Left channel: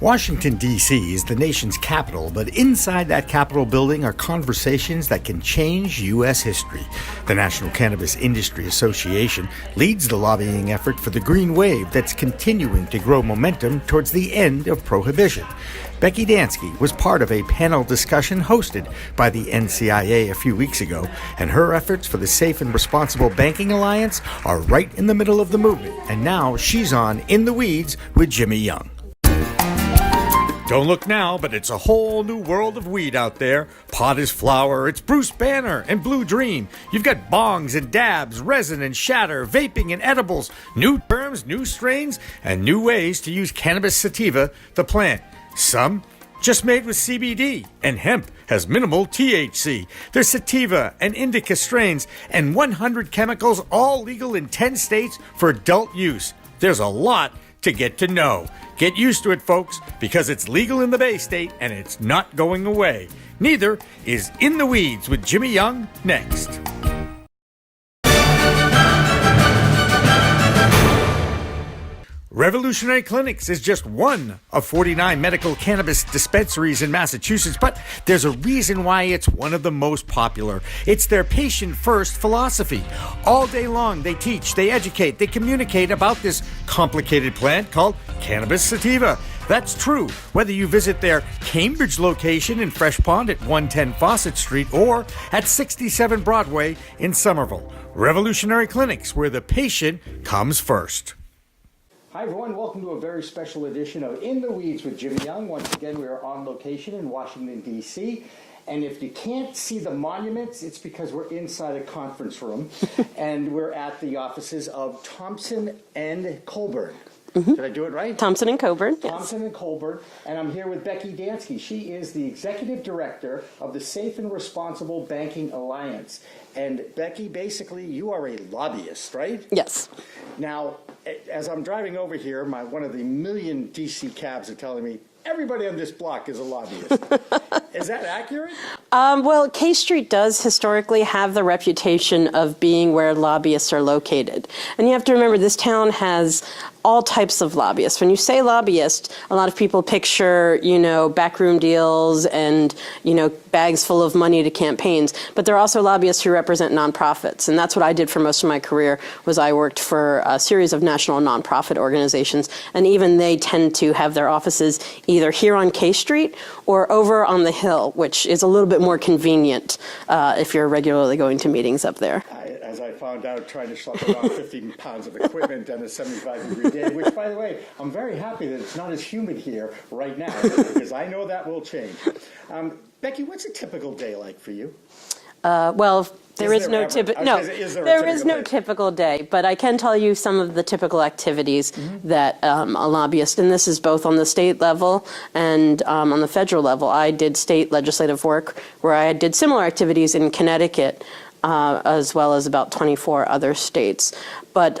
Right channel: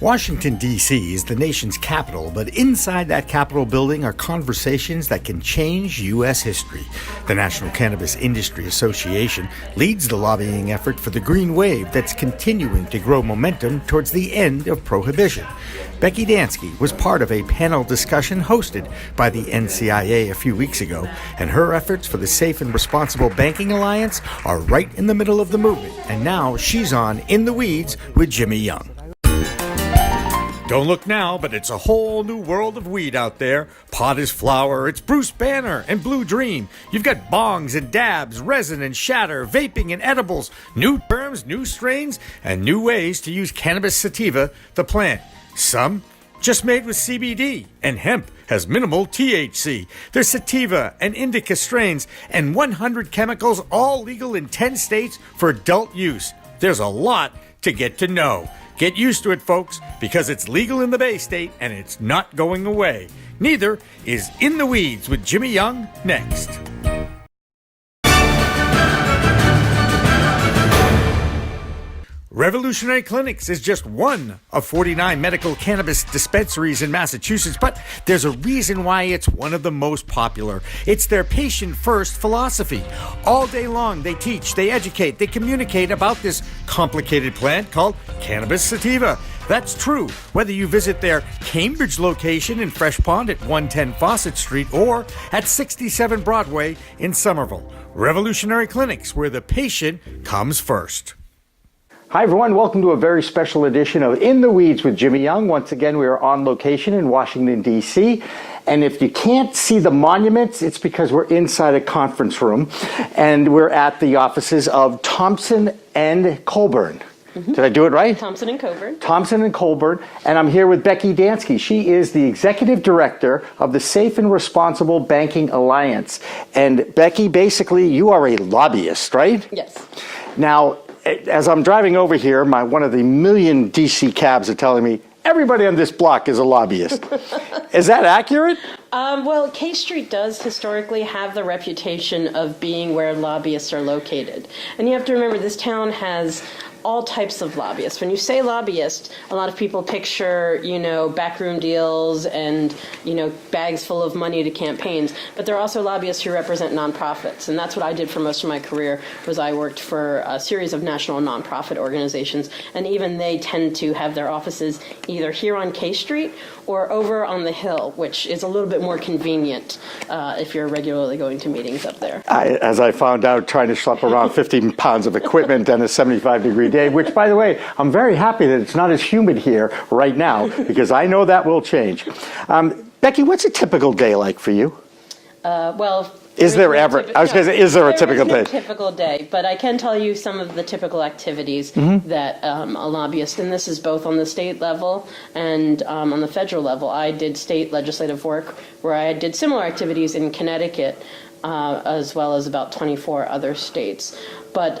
Washington, D.C. is the nation's capital, but inside that Capitol building are conversations that can change U.S. history. The National Cannabis Industry Association leads the lobbying effort for the green wave that's continuing to grow momentum towards the end of prohibition. Becky Dansky was part of a panel discussion hosted by the NCIA a few weeks ago, and her efforts for the Safe and Responsible Banking Alliance are right in the middle of the movement, and now she's on In the Weeds with Jimmy Young. Don't look now, but it's a whole new world of weed out there. Pot is flower, it's Bruce Banner and Blue Dream. You've got bongs and dabs, resin and shatter, vaping and edibles, new terms, new strains, and new ways to use cannabis sativa, the plant. Some just made with CBD, and hemp has minimal THC. There's sativa and indica strains, and 100 chemicals, all legal in 10 states for adult use. There's a lot to get to know. Get used to it, folks, because it's legal in the Bay State and it's not going away. Neither is In the Weeds with Jimmy Young next. Revolutionary Clinics is just one of 49 medical cannabis dispensaries in Massachusetts, but there's a reason why it's one of the most popular. It's their patient-first philosophy. All day long, they teach, they educate, they communicate about this complicated plant called cannabis sativa. That's true whether you visit their Cambridge location in Fresh Pond at 110 Fawcett Street or at 67 Broadway in Somerville. Revolutionary Clinics, where the patient comes first. Hi, everyone. Welcome to a very special edition of In the Weeds with Jimmy Young. Once again, we are on location in Washington, D.C. And if you can't see the monuments, it's because we're inside a conference room. And we're at the offices of Thompson and Colburn. Mm-hmm. Did I do it right? Thompson and Colburn. Thompson and Colburn. And I'm here with Becky Dansky. She is the executive director of the Safe and Responsible Banking Alliance. And Becky, basically, you are a lobbyist, right? Yes. Now, as I'm driving over here, one of the million DC cabs are telling me everybody on this block is a lobbyist. Is that accurate? Well, K Street does historically have the reputation of being where lobbyists are located. And you have to remember, this town has all types of lobbyists. When you say lobbyist, a lot of people picture, backroom deals and, bags full of money to campaigns. But there are also lobbyists who represent nonprofits. And that's what I did for most of my career, was I worked for a series of national nonprofit organizations. And even they tend to have their offices either here on K Street or over on the Hill, which is a little bit more convenient if you're regularly going to meetings up there. As I found out, trying to schlep around 15 pounds of equipment and a 75-degree day, which, by the way, I'm very happy that it's not as humid here right now, because I know that will change. Becky, what's a typical day like for you? Is there a typical day? Typical day, but I can tell you some of the typical activities that a lobbyist, and this is both on the state level and on the federal level. I did state legislative work where I did similar activities in Connecticut, as well as about 24 other states. But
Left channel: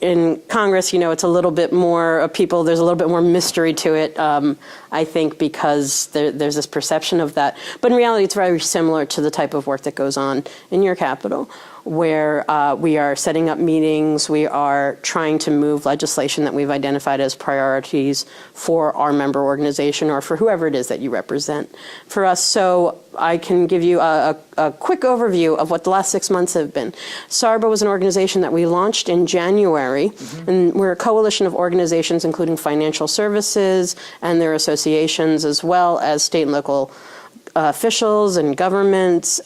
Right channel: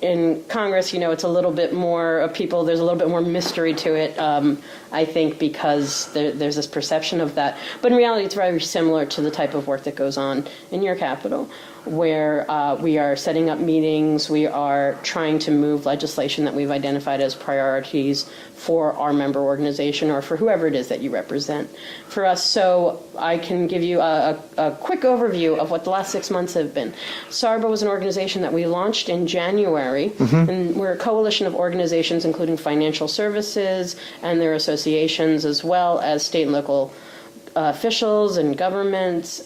in Congress, it's a little bit more people, there's a little bit more mystery to it, I think, because there's this perception of that. But in reality, it's very similar to the type of work that goes on in your capital, where we are setting up meetings, we are trying to move legislation that we've identified as priorities for our member organization or for whoever it is that you represent. For us, so I can give you a quick overview of what the last 6 months have been. SARBA was an organization that we launched in January, and we're a coalition of organizations including financial services and their associations, as well as state and local officials and governments.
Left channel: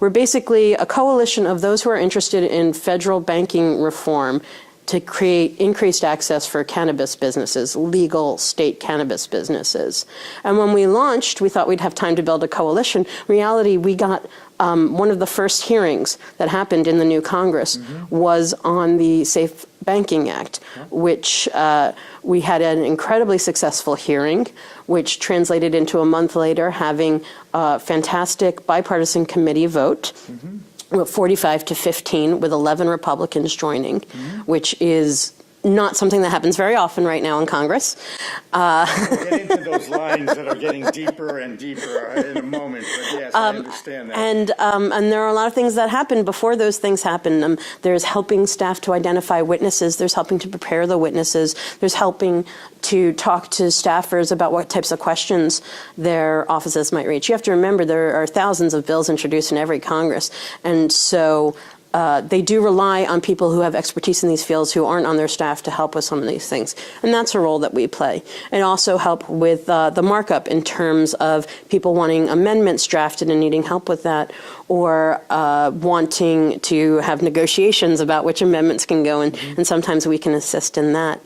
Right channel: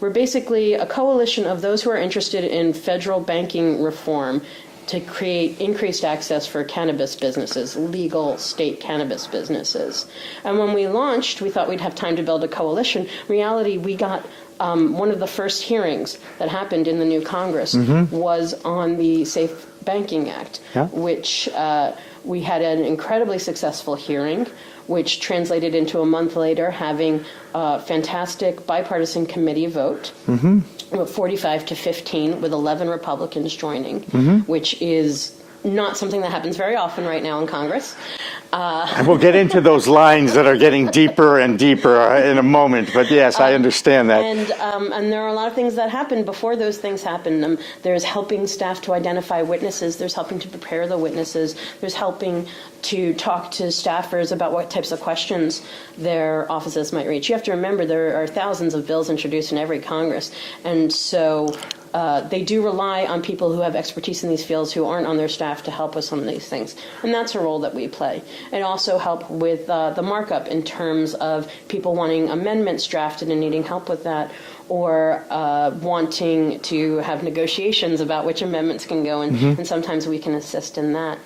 We're basically a coalition of those who are interested in federal banking reform to create increased access for cannabis businesses, legal state cannabis businesses. And when we launched, we thought we'd have time to build a coalition. In reality, we got one of the first hearings that happened in the new Congress was on the Safe Banking Act, which we had an incredibly successful hearing, which translated into a month later having a fantastic bipartisan committee vote, 45 to 15, with 11 Republicans joining, which is not something that happens very often right now in Congress. And we'll get into those lines that are getting deeper and deeper in a moment, but yes, I understand that. And there are a lot of things that happen before those things happen. There's helping staff to identify witnesses. There's helping to prepare the witnesses. There's helping to talk to staffers about what types of questions their offices might reach. You have to remember there are thousands of bills introduced in every Congress, and so they do rely on people who have expertise in these fields who aren't on their staff to help with some of these things. And that's a role that we play. And also help with the markup in terms of people wanting amendments drafted and needing help with that, or wanting to have negotiations about which amendments can go in, and sometimes we can assist in that.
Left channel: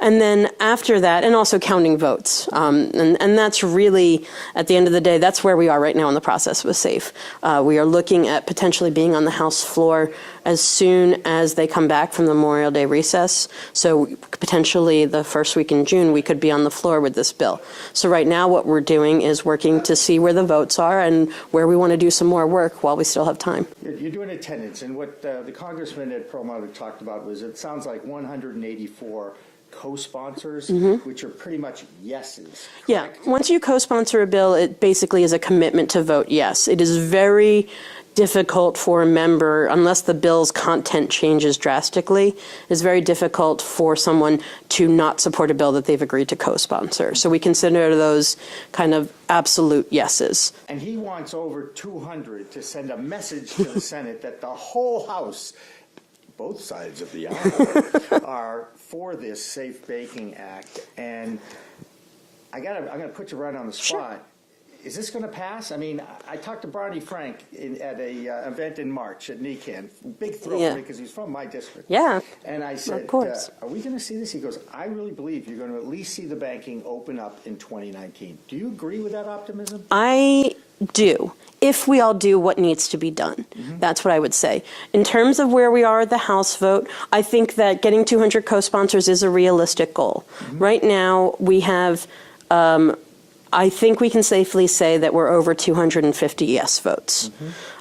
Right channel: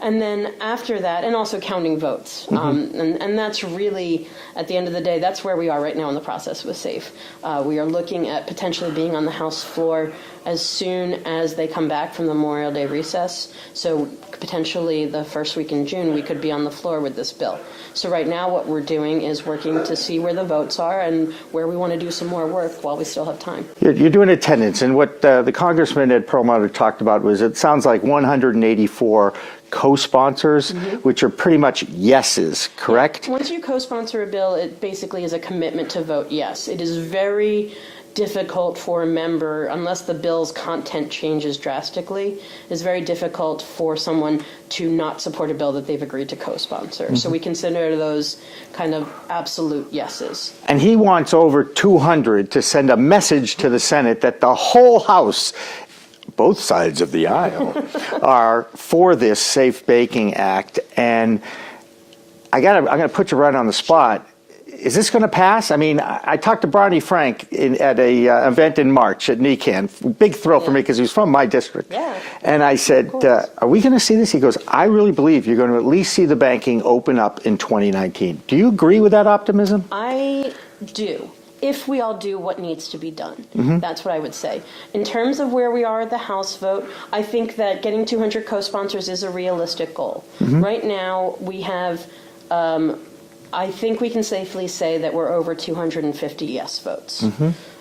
And then after that, and also counting votes. And that's really, at the end of the day, that's where we are right now in the process with SAFE. We are looking at potentially being on the House floor as soon as they come back from the Memorial Day recess. So potentially the first week in June, we could be on the floor with this bill. So right now what we're doing is working to see where the votes are and where we want to do some more work while we still have time. You're doing attendance, and what the Congressman Ed Perlmutter talked about was, it sounds like 184 co-sponsors, which are pretty much yeses, correct? Yeah. Once you co-sponsor a bill, it basically is a commitment to vote yes. It is very difficult for a member, unless the bill's content changes drastically, it's very difficult for someone to not support a bill that they've agreed to co-sponsor. So we consider those kind of absolute yeses. And he wants over 200 to send a message to the Senate that the whole House, both sides of the aisle, are for this Safe Banking Act. And I'm gonna put you right on the spot. Is this going to pass? I mean, I talked to Barney Frank at a event in March at NECAN. Big thrill for me because he was from my district. Yeah. And I said, are we going to see this? He goes, I really believe you're going to at least see the banking open up in 2019. Do you agree with that optimism? I do. If we all do what needs to be done. That's what I would say. In terms of where we are at the House vote, I think that getting 200 co-sponsors is a realistic goal. Right now, we have... I think we can safely say that we're over 250 yes votes.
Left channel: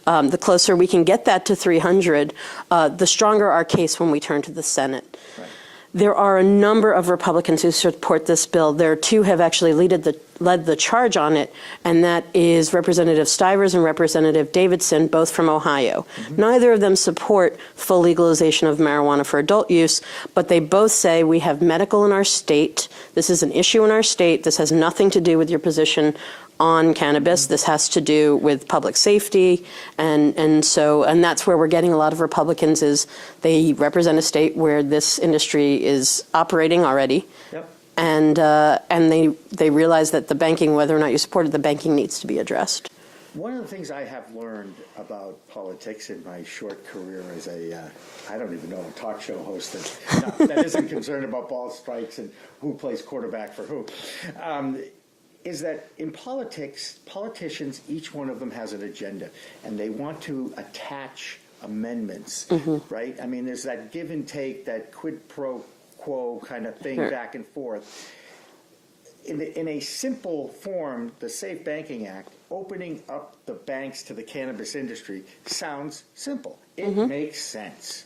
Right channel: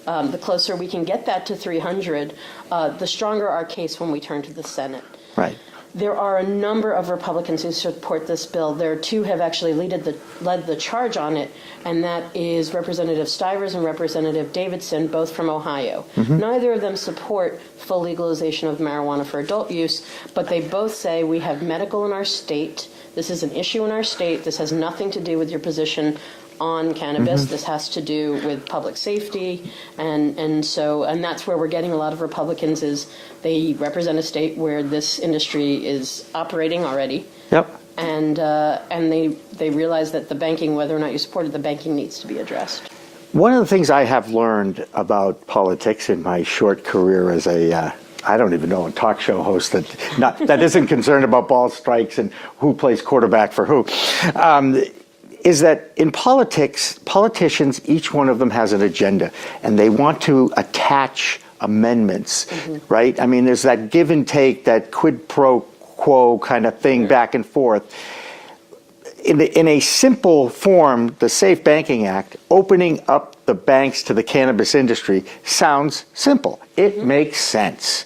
The closer we can get that to 300, the stronger our case when we turn to the Senate. Right. There are a number of Republicans who support this bill. There are two have actually led the charge on it, and that is Representative Stivers and Representative Davidson, both from Ohio. Neither of them support full legalization of marijuana for adult use, but they both say we have medical in our state. This is an issue in our state. This has nothing to do with your position on cannabis. This has to do with public safety, and that's where we're getting a lot of Republicans is they represent a state where this industry is operating already. Yep. And they realize that the banking, whether or not you support it, the banking needs to be addressed. One of the things I have learned about politics in my short career as a I don't even know, a talk show host that isn't concerned about ball strikes and who plays quarterback for who, is that in politics, politicians, each one of them has an agenda, and they want to attach amendments, right? I mean, there's that give and take, that quid pro quo kind of thing back and forth. In a simple form, the Safe Banking Act, opening up the banks to the cannabis industry, sounds simple. It makes sense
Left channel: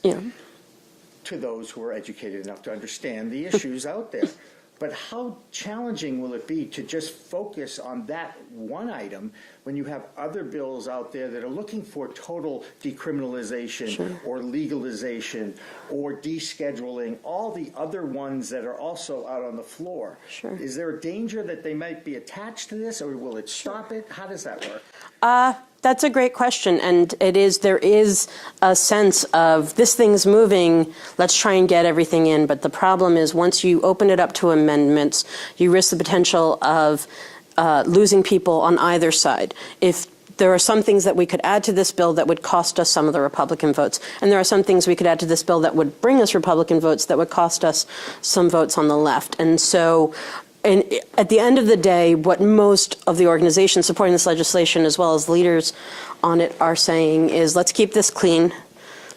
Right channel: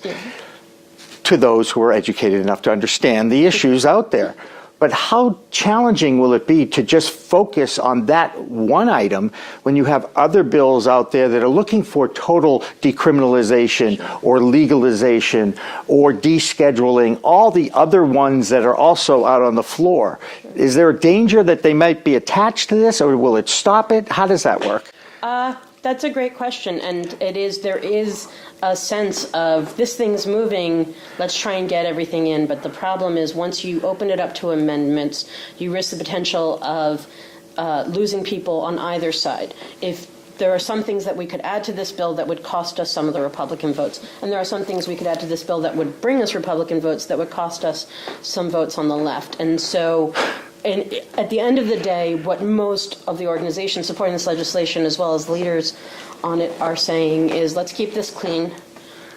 to those who are educated enough to understand the issues out there. But how challenging will it be to just focus on that one item when you have other bills out there that are looking for total decriminalization or legalization or descheduling, all the other ones that are also out on the floor? Is there a danger that they might be attached to this, or will it stop it? How does that work? That's a great question, and there is a sense of this thing's moving, let's try and get everything in, but the problem is once you open it up to amendments, you risk the potential of losing people on either side. If there are some things that we could add to this bill that would cost us some of the Republican votes, and there are some things we could add to this bill that would bring us Republican votes that would cost us some votes on the left. And so and at the end of the day, what most of the organizations supporting this legislation, as well as leaders on it, are saying is, let's keep this clean.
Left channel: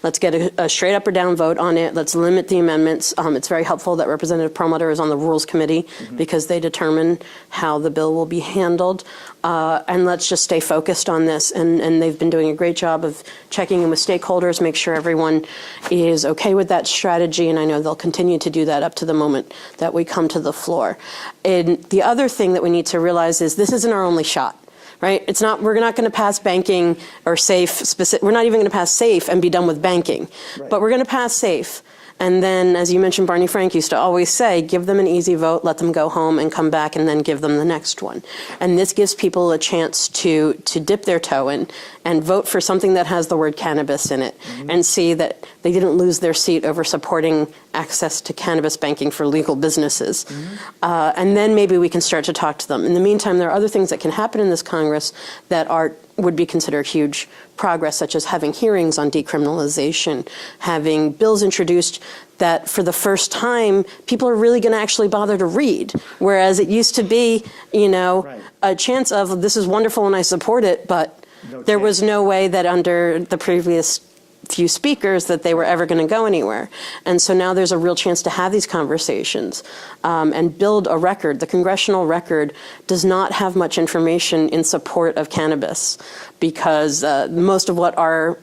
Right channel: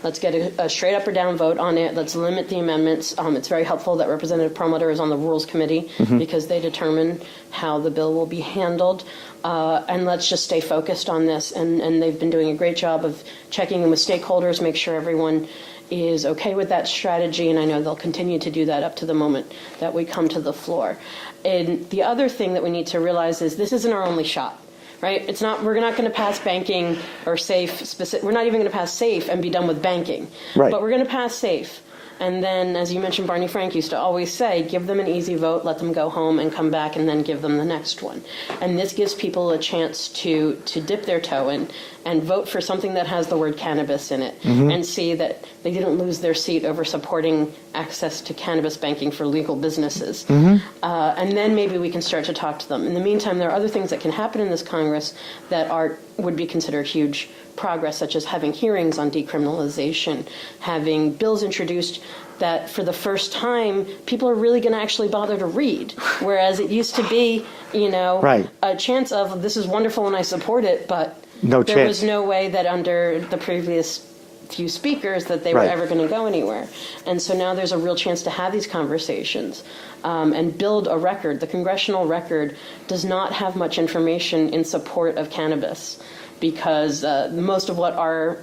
Let's get a straight up or down vote on it. Let's limit the amendments. It's very helpful that Representative Perlmutter is on the Rules Committee because they determine how the bill will be handled. And let's just stay focused on this. And they've been doing a great job of checking in with stakeholders, make sure everyone is okay with that strategy. And I know they'll continue to do that up to the moment that we come to the floor. And the other thing that we need to realize is this isn't our only shot. Right? It's not. We're not going to pass banking or SAFE. We're not even going to pass SAFE and be done with banking. Right. But we're going to pass SAFE. And then, as you mentioned, Barney Frank used to always say, give them an easy vote, let them go home and come back, and then give them the next one. And this gives people a chance to dip their toe in and vote for something that has the word cannabis in it and see that they didn't lose their seat over supporting access to cannabis banking for legal businesses. And then maybe we can start to talk to them. In the meantime, there are other things that can happen in this Congress that would be considered huge progress, such as having hearings on decriminalization, having bills introduced that for the first time people are really going to actually bother to read, whereas it used to be, a chance of this is wonderful and I support it, but there was no way that under the previous few speakers that they were ever going to go anywhere. And so now there's a real chance to have these conversations and build a record. The congressional record does not have much information in support of cannabis because most of what our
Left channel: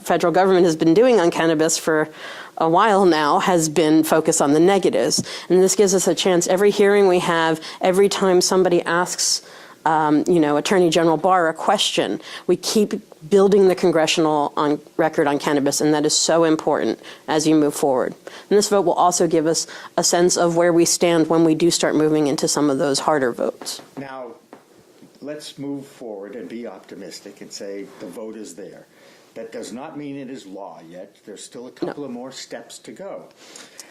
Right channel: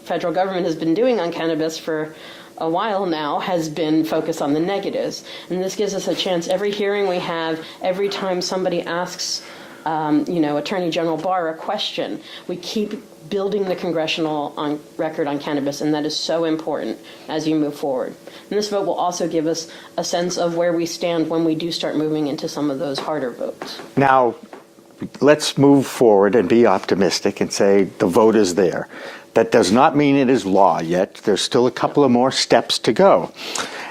federal government has been doing on cannabis for a while now has been focused on the negatives. And this gives us a chance. Every hearing we have, every time somebody asks Attorney General Barr a question, we keep building the congressional record on cannabis, and that is so important as you move forward. And this vote will also give us a sense of where we stand when we do start moving into some of those harder votes. Now, let's move forward and be optimistic and say the vote is there. That does not mean it is law yet. There's still a couple of more steps to go.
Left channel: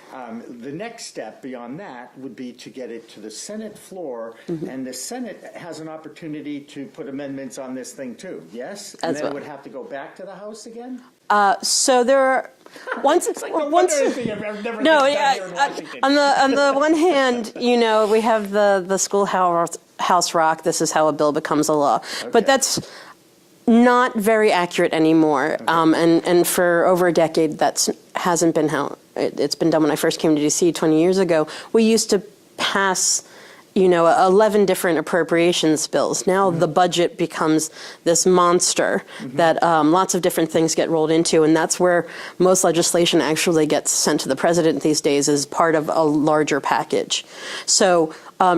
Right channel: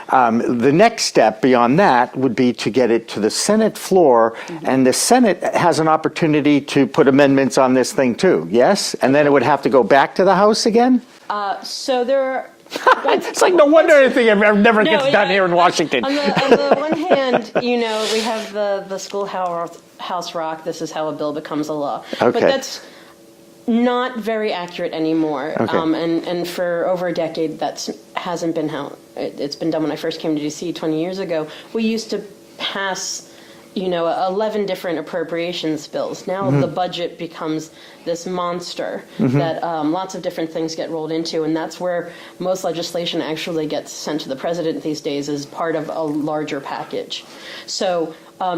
The next step beyond that would be to get it to the Senate floor, and the Senate has an opportunity to put amendments on this thing too, yes? And then it would have to go back to the House again? So there are... It's like no wonder anything never gets done here in Washington. On the one hand, we have the schoolhouse rock, this is how a bill becomes a law. Okay. But that's not very accurate anymore. Okay. And for over a decade, that hasn't been how it's been done. When I first came to D.C. 20 years ago, we used to pass 11 different appropriations bills. Now the budget becomes this monster that lots of different things get rolled into, and that's where most legislation actually gets sent to the president these days as part of a larger package. So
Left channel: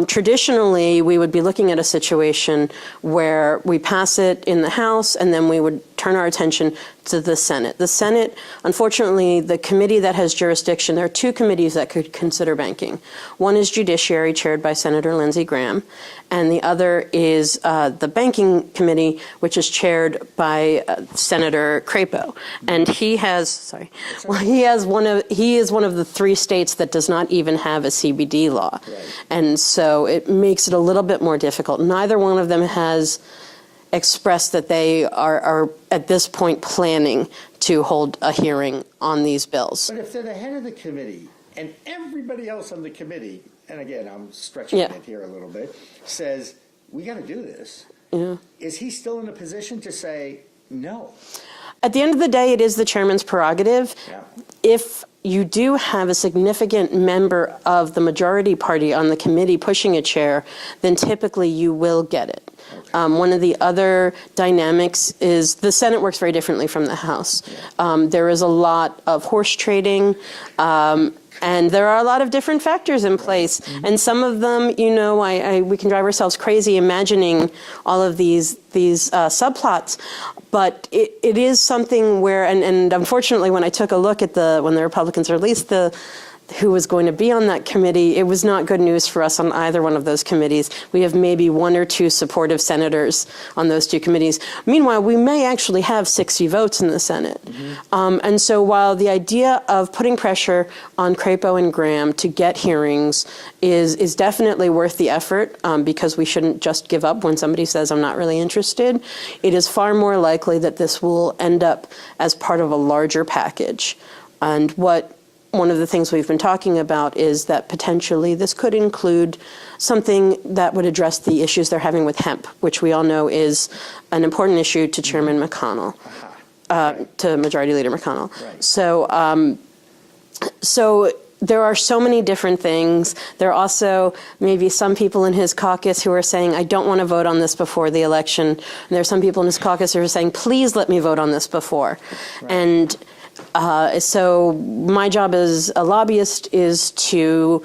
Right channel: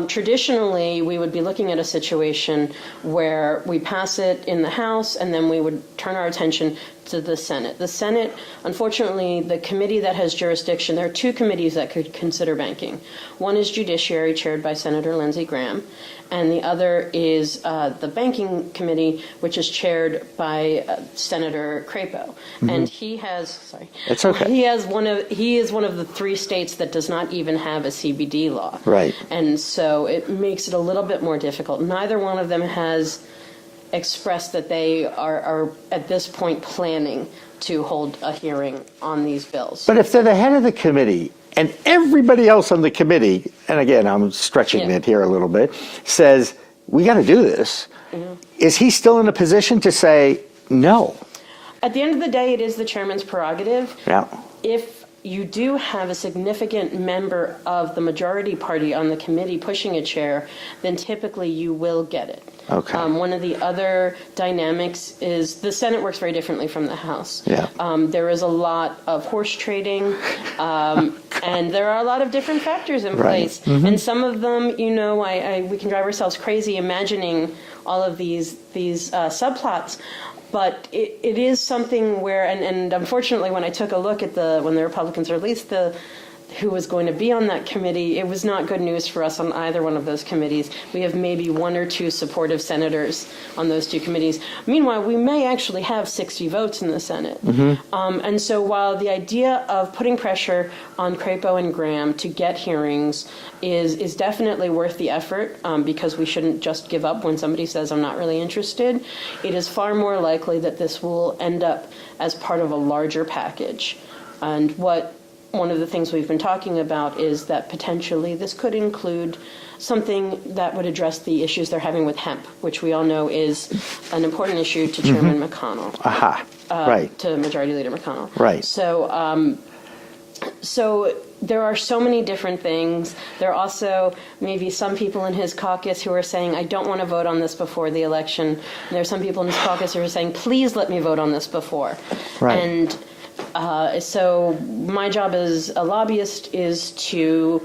traditionally, we would be looking at a situation where we pass it in the House, and then we would turn our attention to the Senate. The Senate, unfortunately, the committee that has jurisdiction, there are two committees that could consider banking. One is Judiciary, chaired by Senator Lindsey Graham, and the other is the Banking Committee, which is chaired by Senator Crapo. And he has, It's okay. he is one of the three states that does not even have a CBD law. Right. And so it makes it a little bit more difficult. Neither one of them has expressed that they are at this point planning to hold a hearing on these bills. But if they're the head of the committee and everybody else on the committee, and again, I'm stretching it here a little bit, says, we got to do this, is he still in a position to say no? At the end of the day, it is the chairman's prerogative. Yeah. If you do have a significant member of the majority party on the committee pushing a chair, then typically you will get it. Okay. One of the other dynamics is the Senate works very differently from the House. Yeah. There is a lot of horse trading, and there are a lot of different factors in place. And some of them, we can drive ourselves crazy imagining all of these subplots. But it is something where, and unfortunately, when I took a look at when the Republicans released who was going to be on that committee, it was not good news for us on either one of those committees. We have maybe one or two supportive senators on those two committees. Meanwhile, we may actually have 60 votes in the Senate. And so while the idea of putting pressure on Crapo and Graham to get hearings is definitely worth the effort, because we shouldn't just give up when somebody says, I'm not really interested, it is far more likely that this will end up as part of a larger package. And one of the things we've been talking about is that potentially this could include something that would address the issues they're having with hemp, which we all know is an important issue to Chairman McConnell. to Majority Leader McConnell. Right. So there are so many different things. There are also maybe some people in his caucus who are saying, I don't want to vote on this before the election. And there are some people in his caucus who are saying, please let me vote on this before. Right. And so my job as a lobbyist is to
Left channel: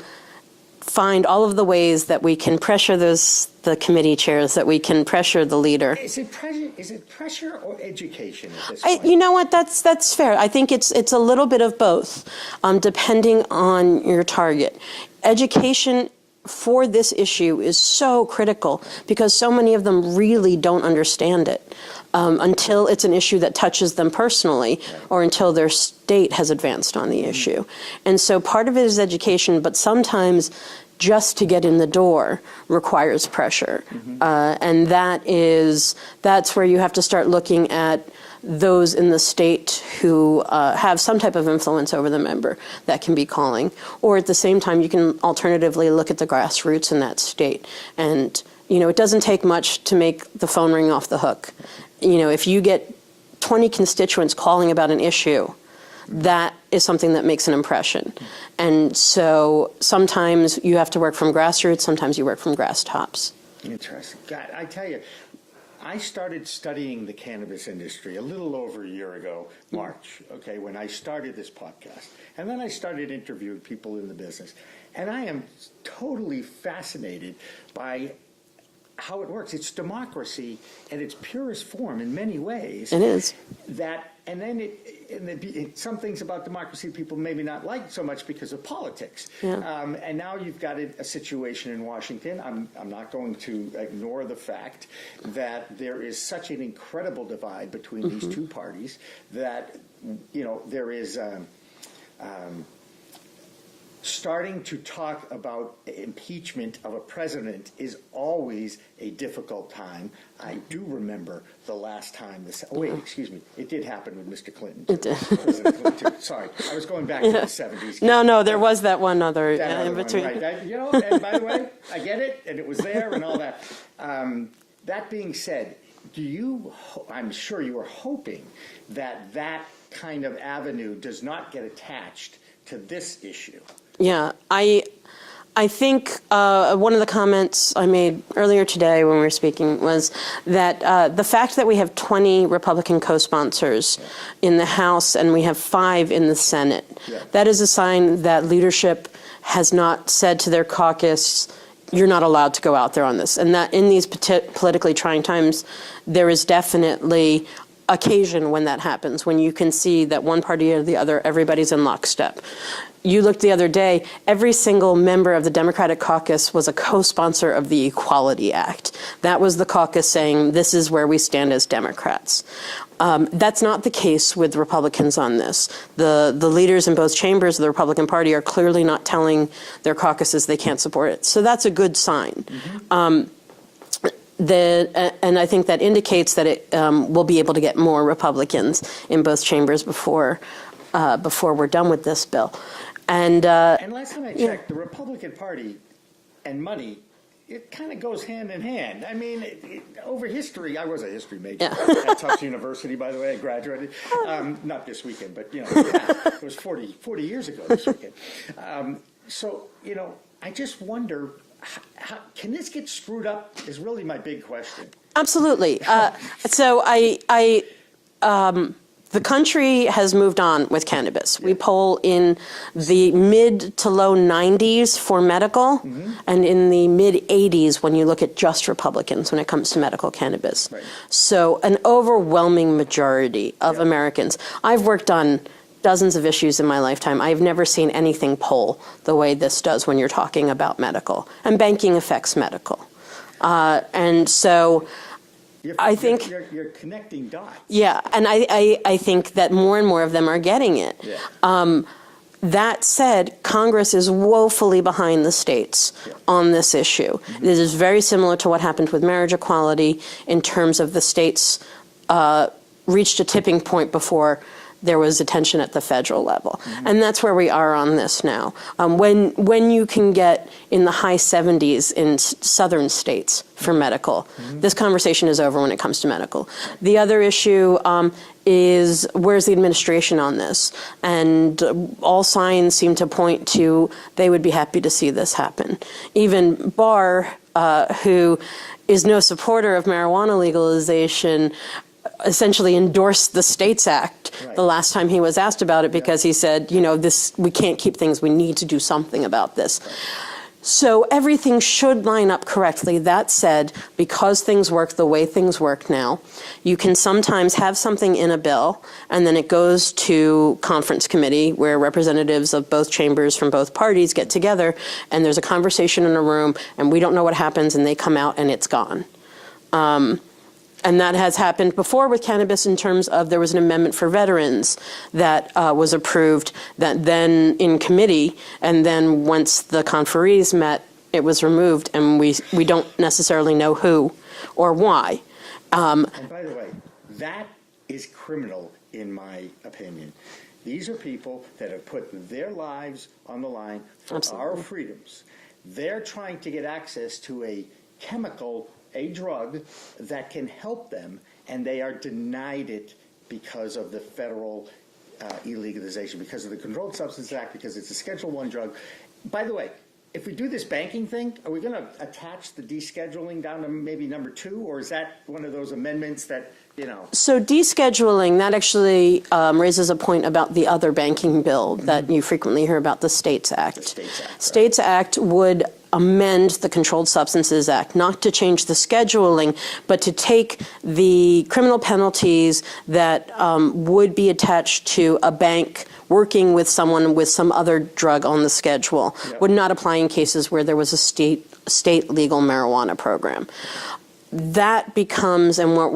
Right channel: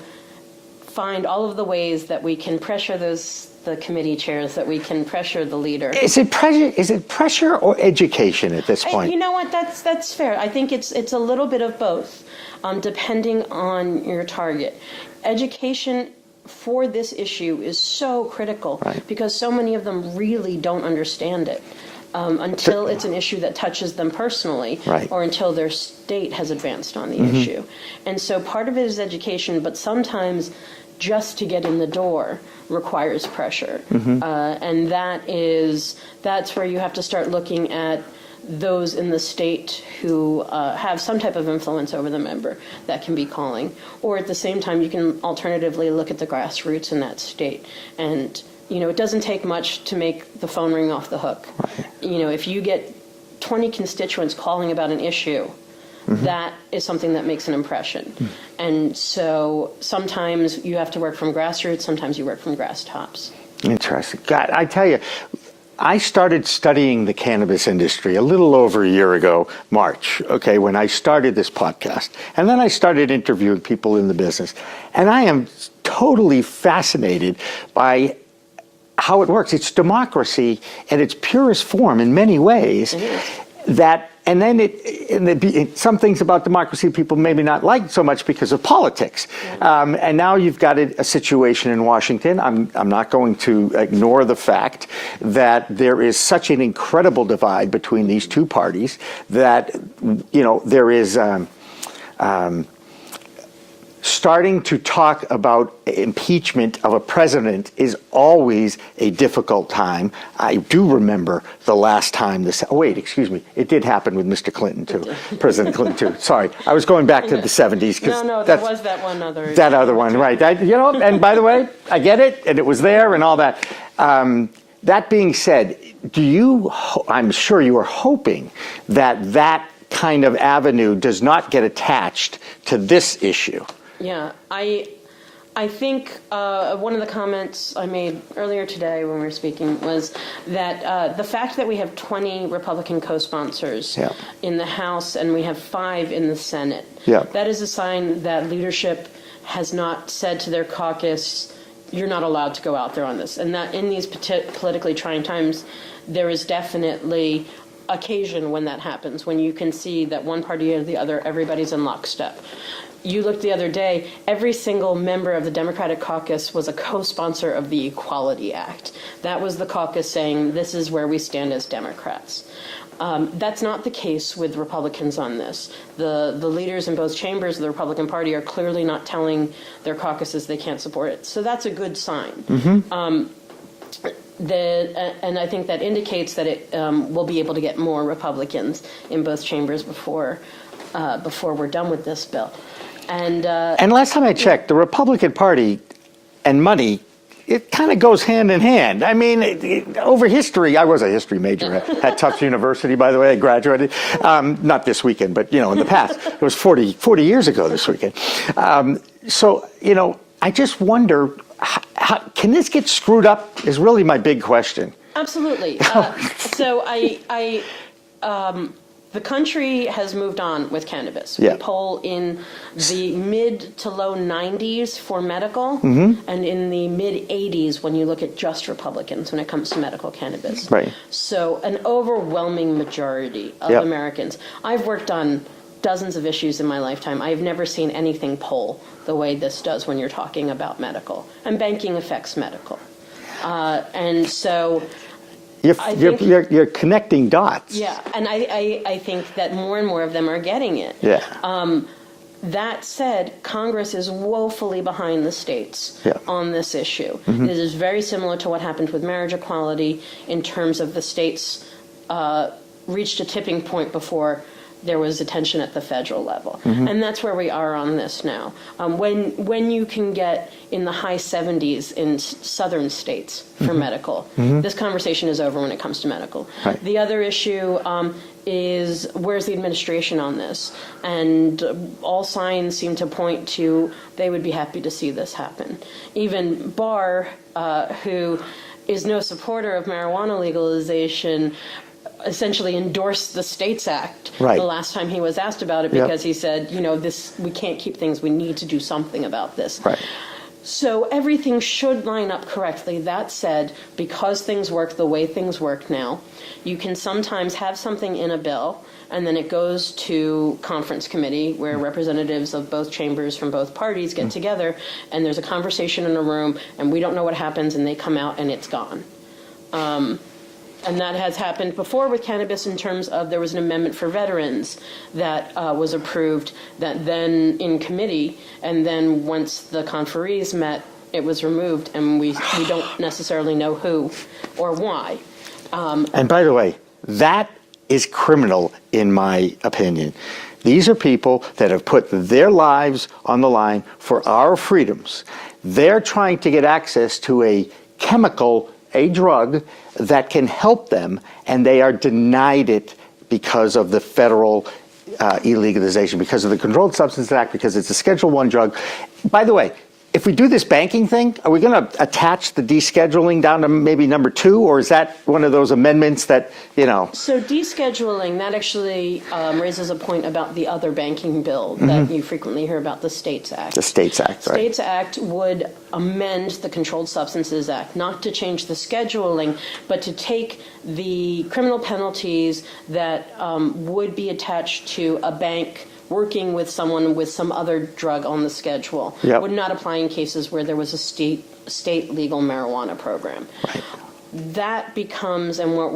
find all of the ways that we can pressure the committee chairs, that we can pressure the leader. Is it pressure or education at this point? You know what? That's fair. I think it's a little bit of both, depending on your target. Education for this issue is so critical because so many of them really don't understand it. Until it's an issue that touches them personally, or until their state has advanced on the issue. And so part of it is education, but sometimes just to get in the door requires pressure. And that's where you have to start looking at those in the state who have some type of influence over the member that can be calling. Or at the same time, you can alternatively look at the grassroots in that state. And it doesn't take much to make the phone ring off the hook. If you get 20 constituents calling about an issue, that is something that makes an impression. And so sometimes you have to work from grassroots, sometimes you work from grass tops. Interesting. God, I tell you, I started studying the cannabis industry a little over a year ago, March, when I started this podcast. And then I started interviewing people in the business. And I am totally fascinated by how it works. It's democracy in its purest form in many ways. It is. And then some things about democracy people maybe not like so much because of politics. And now you've got a situation in Washington. I'm not going to ignore the fact that there is such an incredible divide between these two parties that, there is starting to talk about impeachment of a president is always a difficult time. I do remember the last time it did happen with Mr. Clinton too, President Clinton too. Sorry, I was going back to the 70s. No, there was that one other. That other one, right. And by the way, I get it, and it was there and all that. That being said, I'm sure you are hoping that kind of avenue does not get attached to this issue. Yeah, I think one of the comments I made earlier today when we were speaking was that the fact that we have 20 Republican co-sponsors in the House and we have 5 in the Senate, that is a sign that leadership has not said to their caucus, you're not allowed to go out there on this. And that in these politically trying times, there is definitely occasion when that happens, when you can see that one party or the other, everybody's in lockstep. You looked the other day, every single member of the Democratic caucus was a co-sponsor of the Equality Act. That was the caucus saying, this is where we stand as Democrats. That's not the case with Republicans on this. The leaders in both chambers of the Republican Party are clearly not telling their caucuses they can't support it. So that's a good sign. And I think that indicates that it will be able to get more Republicans in both chambers before we're done with this bill. And last time I checked, the Republican Party and money, it kind of goes hand in hand. I mean, over history, I was a history major at Tufts University, by the way. I graduated, not this weekend, but, in the past. It was 40 years ago this weekend. So, I just wonder, how can this get screwed up is really my big question. Absolutely. So the country has moved on with cannabis. We poll in the mid to low 90s for medical, and in the mid 80s when you look at just Republicans when it comes to medical cannabis. Right. So an overwhelming majority of Americans. I've worked on dozens of issues in my lifetime. I've never seen anything poll the way this does when you're talking about medical. And banking affects medical. And so you're connecting dots. Yeah, and I think that more and more of them are getting it. Yeah. That said, Congress is woefully behind the states on this issue. This is very similar to what happened with marriage equality in terms of the states reached a tipping point before there was attention at the federal level. And that's where we are on this now. When you can get in the high 70s in southern states for medical, this conversation is over when it comes to medical. Right. The other issue is where's the administration on this? And all signs seem to point to they would be happy to see this happen. Even Barr, who is no supporter of marijuana legalization, essentially endorsed the States Act Right. the last time he was asked about it, because he said, you know, this, we can't keep things, we need to do something about this. Right. So everything should line up correctly. That said, because things work the way things work now, you can sometimes have something in a bill and then it goes to conference committee where representatives of both chambers from both parties get together and there's a conversation in a room and we don't know what happens and they come out and it's gone. And that has happened before with cannabis in terms of there was an amendment for veterans that was approved that then in committee, and then once the conferees met, it was removed, and we don't necessarily know who or why. And by the way, that is criminal in my opinion. These are people that have put their lives on the line for our freedoms. They're trying to get access to a chemical, a drug that can help them, and they are denied it because of the federal illegalization, because of the Controlled Substances Act, because it's a Schedule I drug. By the way, if we do this banking thing, are we going to attach the descheduling down to maybe number 2, or is that one of those amendments that, you know? So descheduling, that actually raises a point about the other banking bill that you frequently hear about, the States Act. The States Act, right. States Act would amend the Controlled Substances Act, not to change the scheduling, but to take the criminal penalties that would be attached to a bank working with someone with some other drug on the schedule. Yep. Would not apply in cases where there was a state legal marijuana program. Right. That becomes, and what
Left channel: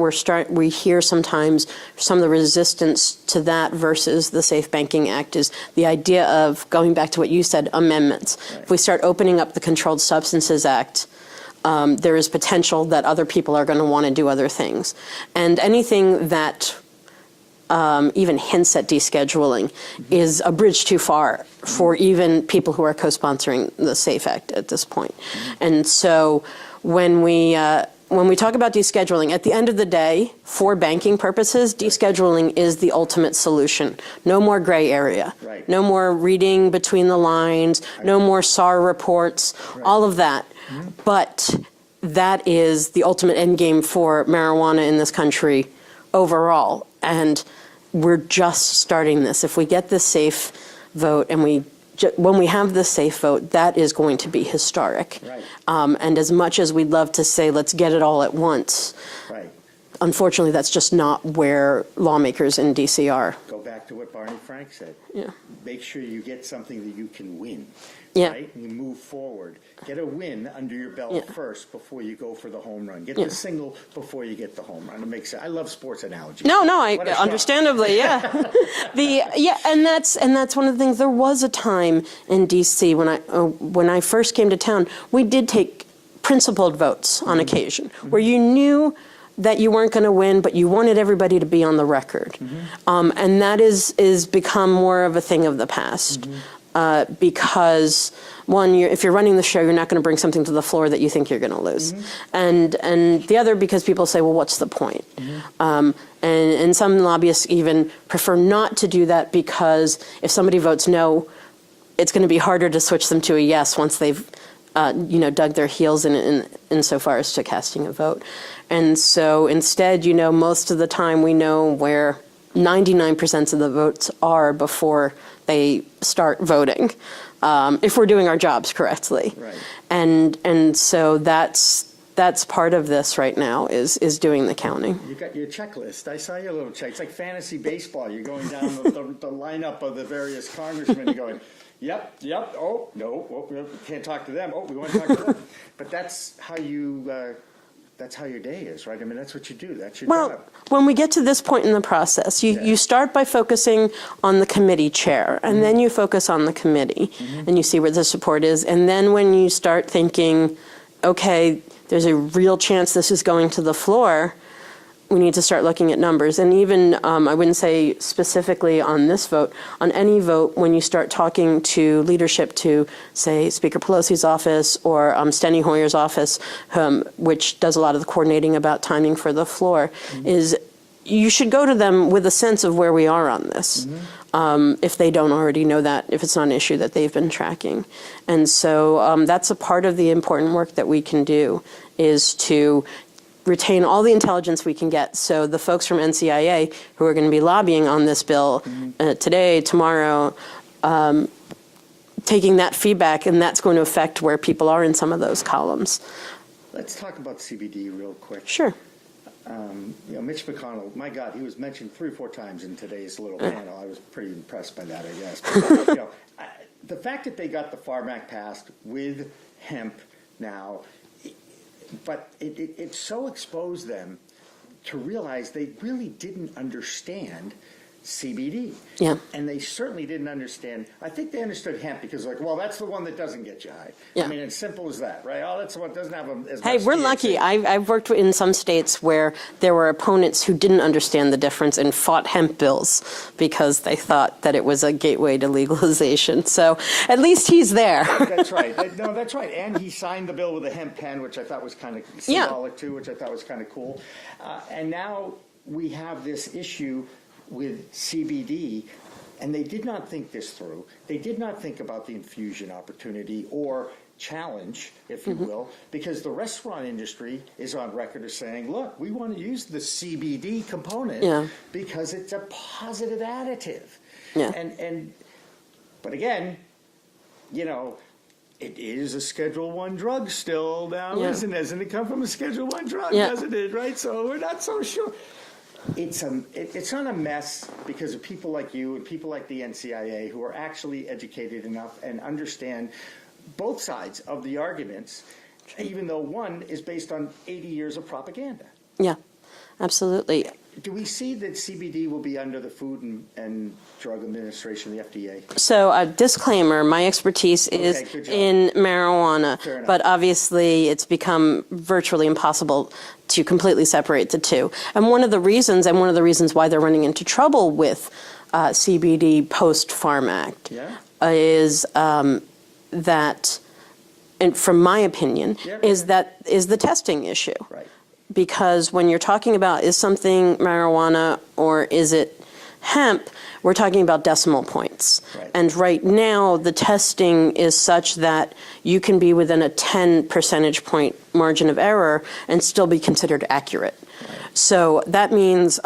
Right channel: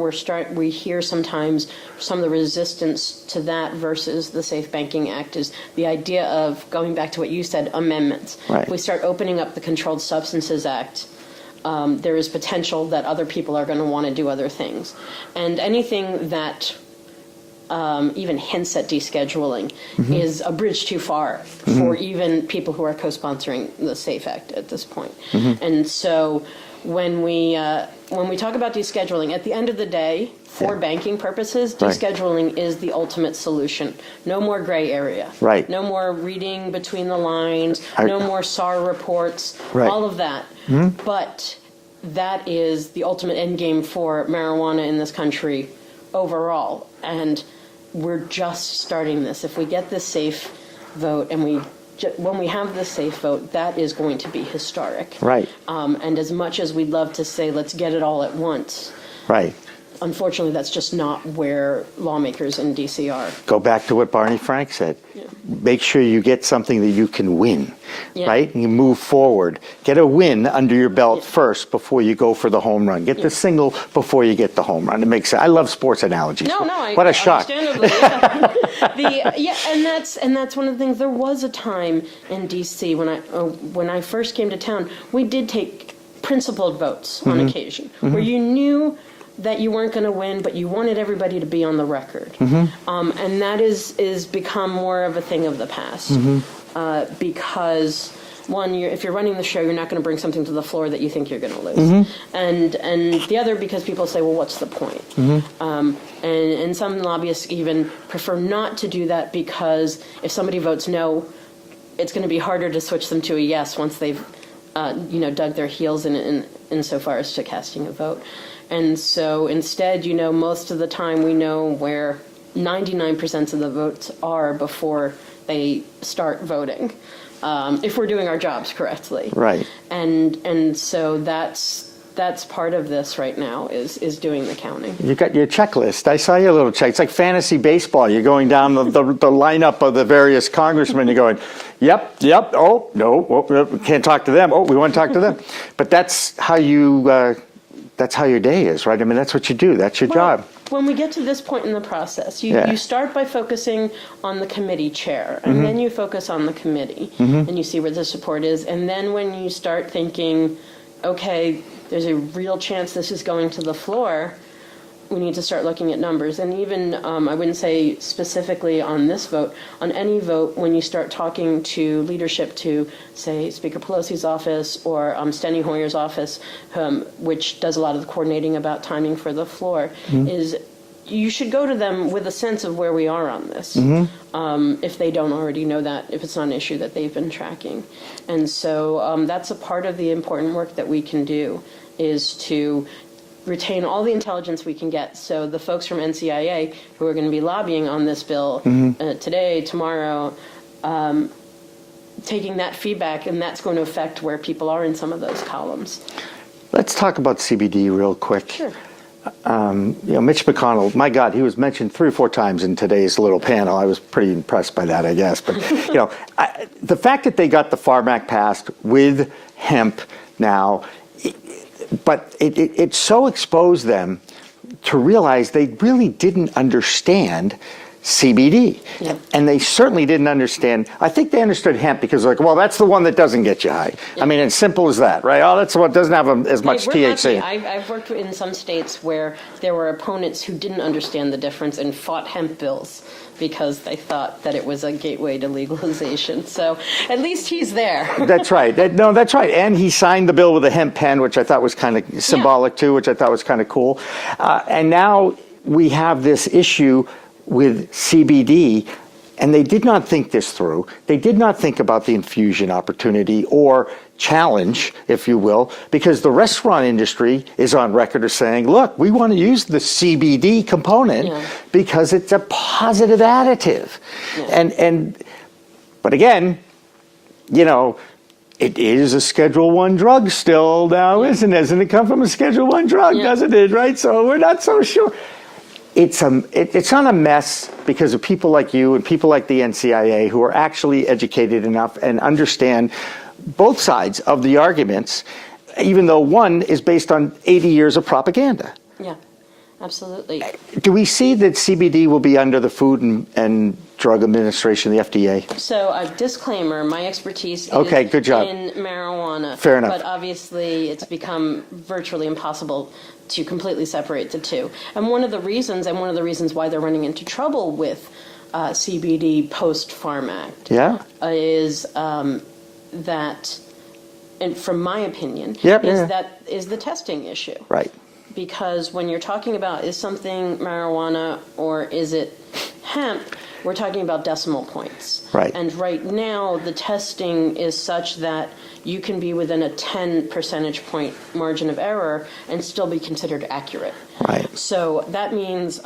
we hear sometimes, some of the resistance to that versus the Safe Banking Act is the idea of, going back to what you said, amendments. Right. If we start opening up the Controlled Substances Act, there is potential that other people are going to want to do other things. And anything that even hints at descheduling is a bridge too far for even people who are co-sponsoring the SAFE Act at this point. And so when we talk about descheduling, at the end of the day, for banking purposes, descheduling is the ultimate solution. No more gray area. Right. No more reading between the lines. No more SAR reports. Right. All of that. But that is the ultimate end game for marijuana in this country overall. And we're just starting this. If we get the SAFE vote and when we have the SAFE vote, that is going to be historic. Right. And as much as we'd love to say, let's get it all at once, Right. unfortunately, that's just not where lawmakers in D.C. are. Go back to what Barney Frank said. Make sure you get something that you can win, right? And you move forward. Get a win under your belt first before you go for the home run. Get the single before you get the home run. It makes sense. I love sports analogies. No, what a shock. Understandably, and that's one of the things. There was a time in D.C. when I first came to town, we did take principled votes on occasion, where you knew that you weren't going to win, but you wanted everybody to be on the record. And that is become more of a thing of the past. Because, one, if you're running the show, you're not going to bring something to the floor that you think you're going to lose. And the other, because people say, well, what's the point? And some lobbyists even prefer not to do that, because if somebody votes no, it's going to be harder to switch them to a yes once they've dug their heels in so far as to casting a vote. And so instead, most of the time we know where 99% of the votes are before they start voting, if we're doing our jobs correctly. Right. And so that's part of this right now is doing the counting. You got your checklist. I saw your little check. It's like fantasy baseball. You're going down the lineup of the various congressmen. You're going, yep. Oh, no, we can't talk to them. Oh, we want to talk to them. But that's how your day is, right? I mean, that's what you do. That's your job. When we get to this point in the process, you start by focusing on the committee chair, and then you focus on the committee, and you see where the support is. And then when you start thinking, okay, there's a real chance this is going to the floor, we need to start looking at numbers. And even, I wouldn't say specifically on this vote, on any vote, when you start talking to leadership, to, say, Speaker Pelosi's office or Steny Hoyer's office, which does a lot of the coordinating about timing for the floor, is you should go to them with a sense of where we are on this, if they don't already know that, if it's not an issue that they've been tracking. And so that's a part of the important work that we can do, is to retain all the intelligence we can get. So the folks from NCIA who are going to be lobbying on this bill today, tomorrow, taking that feedback, and that's going to affect where people are in some of those columns. Let's talk about CBD real quick. Sure. Mitch McConnell, my God, he was mentioned 3 or 4 times in today's little panel. I was pretty impressed by that, I guess. But, the fact that they got the Farm Act passed with hemp now, but it so exposed them to realize they really didn't understand CBD. Yeah. And they certainly didn't understand. I think they understood hemp because, like, well, that's the one that doesn't get you high. Yeah. I mean, it's simple as that, right? Oh, that's the one that doesn't have as much we're THC. Lucky. I've worked in some states where there were opponents who didn't understand the difference and fought hemp bills because they thought that it was a gateway to legalization. So at least he's there. That's right. That's right. And he signed the bill with a hemp pen, which I thought was kind of symbolic too, which I thought was kind of cool. And now we have this issue with CBD, and they did not think this through. They did not think about the infusion opportunity or challenge, if you will, because the restaurant industry is on record as saying, look, we want to use the CBD component because it's a positive additive. Yeah. But again, it is a Schedule I drug still now, isn't it? Doesn't it come from a Schedule I drug, doesn't it, right? So we're not so sure. It's not a mess because of people like you and people like the NCIA who are actually educated enough and understand both sides of the arguments, even though one is based on 80 years of propaganda. Yeah, absolutely. Do we see that CBD will be under the Food and Drug Administration, the FDA? So a disclaimer, my expertise is good job. in marijuana. Fair enough. But obviously it's become virtually impossible to completely separate the two. And one of the reasons why they're running into trouble with CBD post-Farm Act is that, and from my opinion, is the testing issue. Right. Because when you're talking about is something marijuana or is it hemp, we're talking about decimal points. Right. And right now, the testing is such that you can be within a 10 percentage point margin of error and still be considered accurate. Right. So that means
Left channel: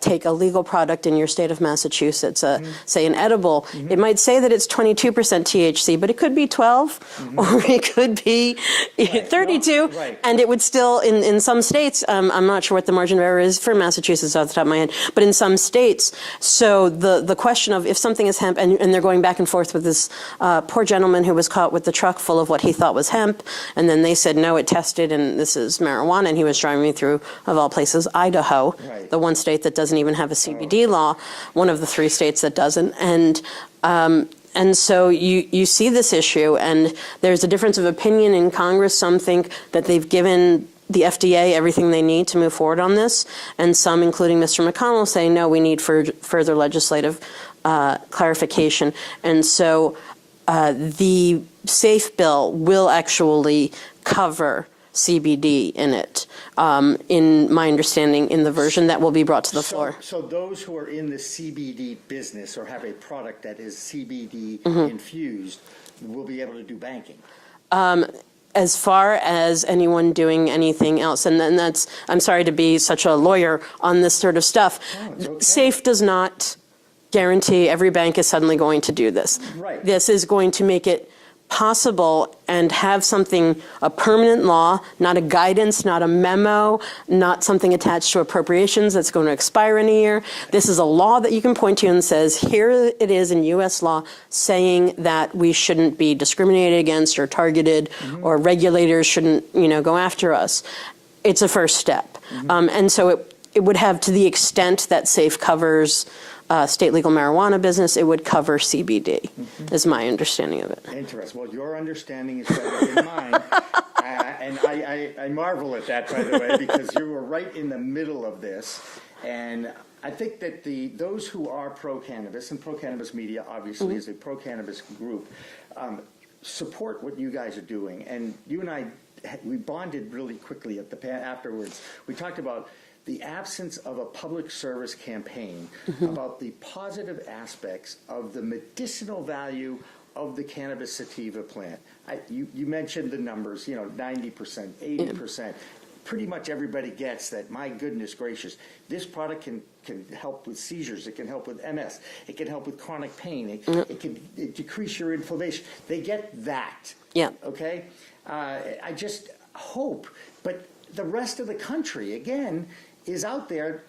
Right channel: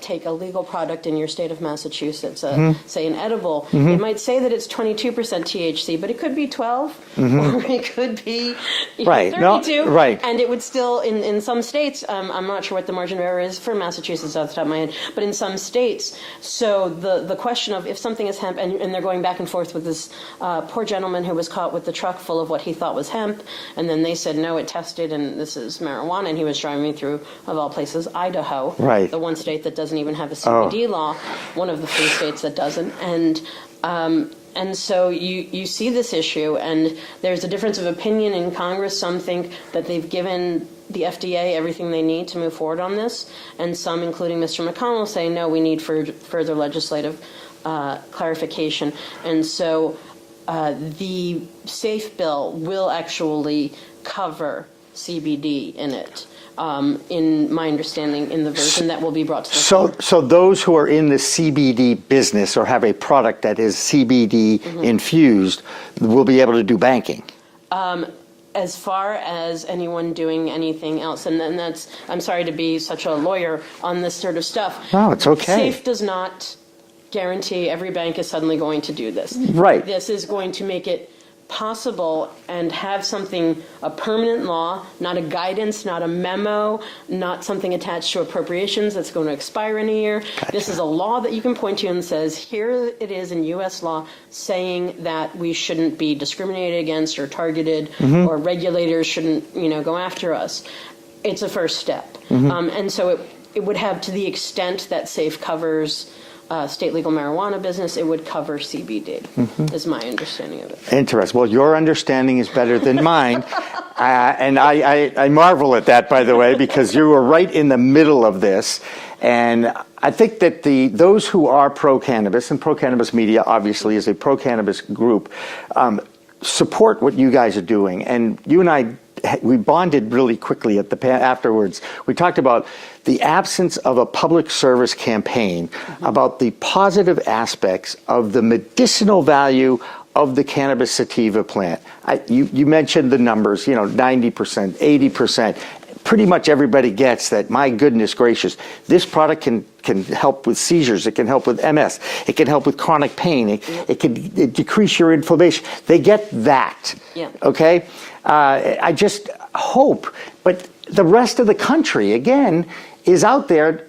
take a legal product in your state of Massachusetts, say an edible. It might say that it's 22% THC, but it could be 12, or it could be 32. Right. And it would still, in some states, I'm not sure what the margin of error is for Massachusetts off the top of my head, but in some states, so the question of if something is hemp, and they're going back and forth with this poor gentleman who was caught with the truck full of what he thought was hemp, and then they said, no, it tested, and this is marijuana, and he was driving through, of all places, Idaho, the one state that doesn't even have a CBD law, one of the 3 states that doesn't, and so you see this issue, and there's a difference of opinion in Congress. Some think that they've given the FDA everything they need to move forward on this, and some, including Mr. McConnell, say, no, we need further legislative clarification. And so the SAFE bill will actually cover CBD in it, in my understanding, in the version that will be brought to the floor. So those who are in the CBD business or have a product that is CBD infused will be able to do banking? As far as anyone doing anything else, and then that's, I'm sorry to be such a lawyer on this sort of stuff. No, it's okay. SAFE does not guarantee every bank is suddenly going to do this. Right. This is going to make it possible and have something, a permanent law, not a guidance, not a memo, not something attached to appropriations that's going to expire in a year. Gotcha. This is a law that you can point to and says, here it is in U.S. law saying that we shouldn't be discriminated against or targeted or regulators shouldn't, go after us. It's a first step. And so it would have, to the extent that SAFE covers state legal marijuana business, it would cover CBD, is my understanding of it. Interesting. Well, your understanding is better than mine. And I marvel at that, by the way, because you were right in the middle of this. And I think that those who are pro-cannabis, and pro-cannabis media obviously is a pro-cannabis group, support what you guys are doing. And you and I, we bonded really quickly afterwards. We talked about the absence of a public service campaign about the positive aspects of the medicinal value of the cannabis sativa plant. You mentioned the numbers, 90%, 80%. Pretty much everybody gets that, my goodness gracious, this product can help with seizures, it can help with MS, it can help with chronic pain, it can decrease your inflammation. They get that, okay? I just hope, but the rest of the country, again, is out there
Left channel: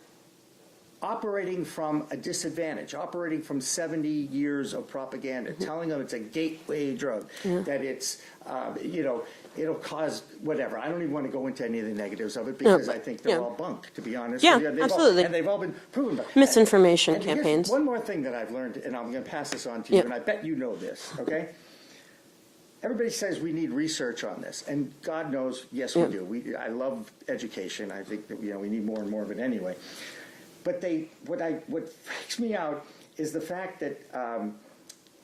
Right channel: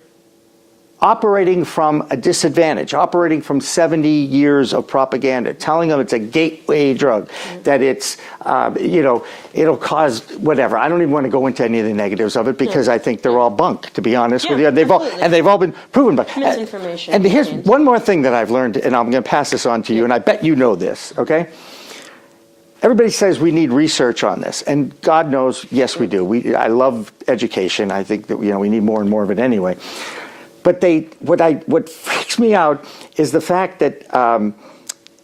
operating from a disadvantage, operating from 70 years of propaganda, telling them it's a gateway drug, that it's, it'll cause whatever. I don't even want to go into any of the negatives of it because I think they're all bunk, to be honest with you. They've all been proven. But misinformation. And here's one more thing that I've learned, and I'm going to pass this on to you, and I bet you know this, okay? Everybody says we need research on this, and God knows, yes, we do. I love education. I think that we need more and more of it anyway. But what freaks me out is the fact that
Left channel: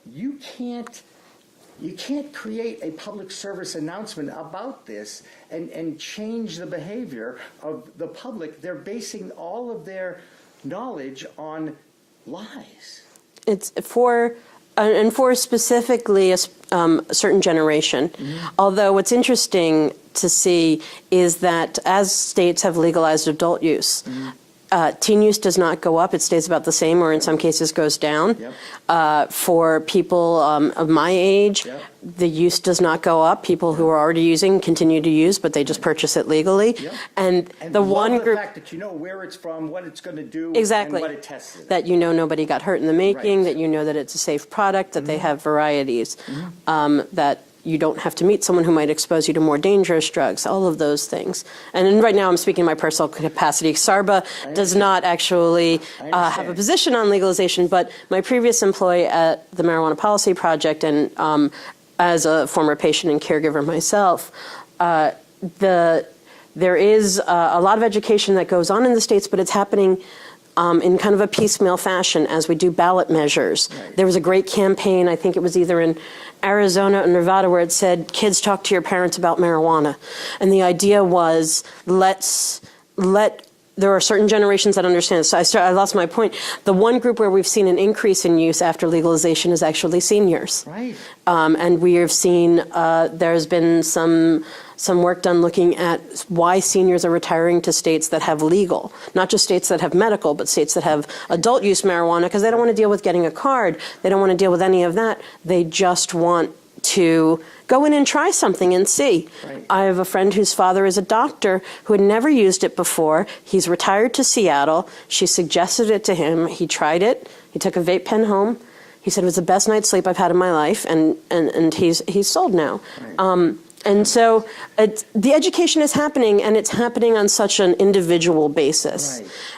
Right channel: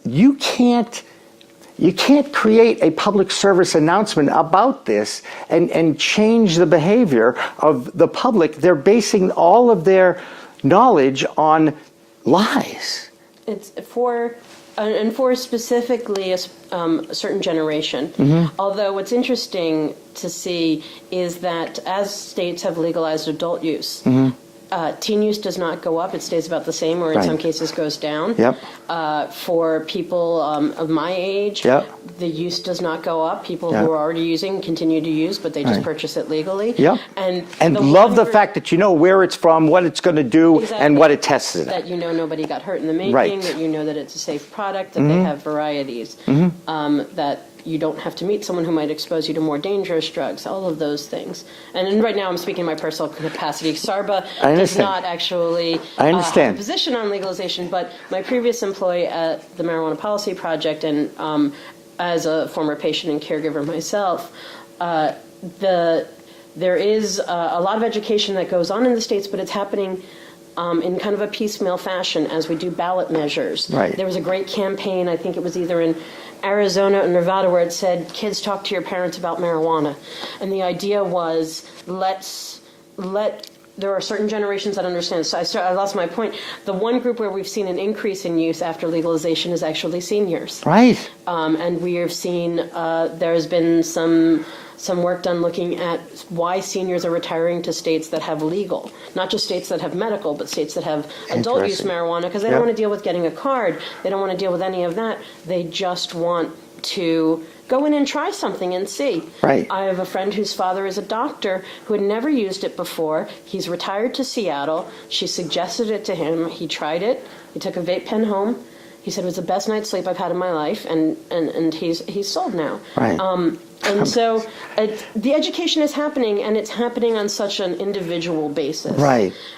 you can't create a public service announcement about this and change the behavior of the public. They're basing all of their knowledge on lies. It's for specifically a certain generation. Although what's interesting to see is that as states have legalized adult use, teen use does not go up. It stays about the same, or in some cases goes down. For people of my age, the use does not go up. People who are already using continue to use, but they just purchase it legally. And love the fact that you know where it's from, what it's going to do, and what it tested. That nobody got hurt in the making, that that it's a safe product, that they have varieties, that you don't have to meet someone who might expose you to more dangerous drugs, all of those things. And right now I'm speaking in my personal capacity. SARBA does not actually have a position on legalization, but my previous employee at the Marijuana Policy Project, and as a former patient and caregiver myself, there is a lot of education that goes on in the states, but it's happening in kind of a piecemeal fashion as we do ballot measures. There was a great campaign, I think it was either in Arizona and Nevada, where it said, kids talk to your parents about marijuana. And the idea was, there are certain generations that understand. So I lost my point. The one group where we've seen an increase in use after legalization is actually seniors. And we have seen there's been some work done looking at why seniors are retiring to states that have legal, not just states that have medical, but states that have adult use marijuana, because they don't want to deal with getting a card. They don't want to deal with any of that. They just want to go in and try something and see. I have a friend whose father is a doctor who had never used it before. He's retired to Seattle. She suggested it to him. He tried it. He took a vape pen home. He said it was the best night's sleep I've had in my life, and he's sold now. And so the education is happening, and it's happening on such an individual basis.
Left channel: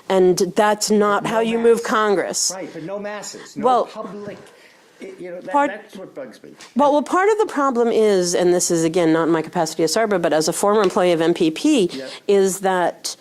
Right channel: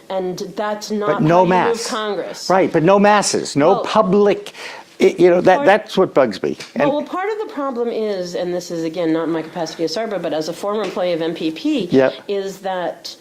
And that's not how you move Congress. But no masses, no public. That's what bugs me. Well, part of the problem is, and this is again not in my capacity as SARBA, but as a former employee of MPP, is that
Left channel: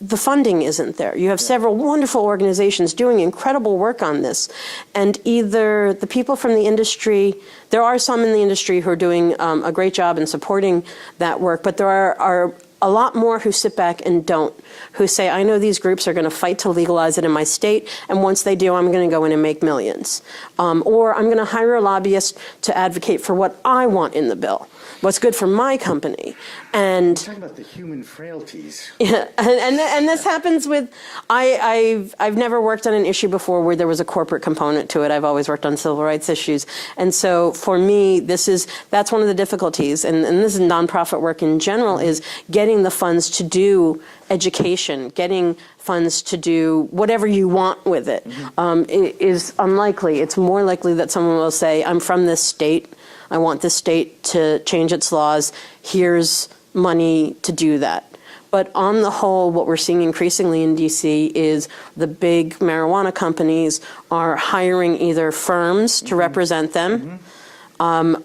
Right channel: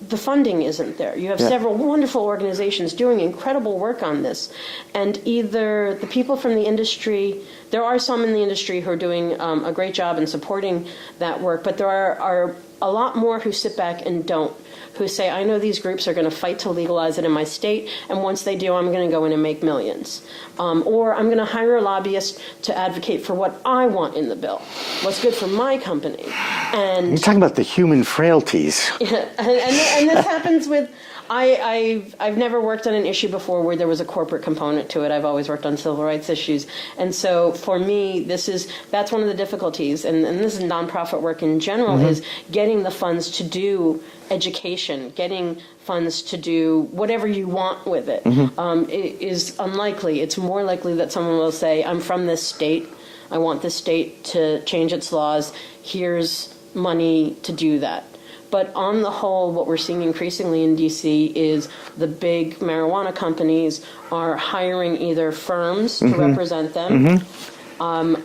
the funding isn't there. You have several wonderful organizations doing incredible work on this, and either the people from the industry, there are some in the industry who are doing a great job in supporting that work, but there are a lot more who sit back and don't, who say, I know these groups are going to fight to legalize it in my state, and once they do, I'm going to go in and make millions. Or I'm going to hire a lobbyist to advocate for what I want in the bill, what's good for my company. And you're talking about the human frailties. And this happens with, I've never worked on an issue before where there was a corporate component to it. I've always worked on civil rights issues. And so for me, that's one of the difficulties, and this is nonprofit work in general, is getting the funds to do education, getting funds to do whatever you want with it. It is unlikely. It's more likely that someone will say, I'm from this state. I want this state to change its laws. Here's money to do that. But on the whole, what we're seeing increasingly in D.C. is the big marijuana companies are hiring either firms to represent them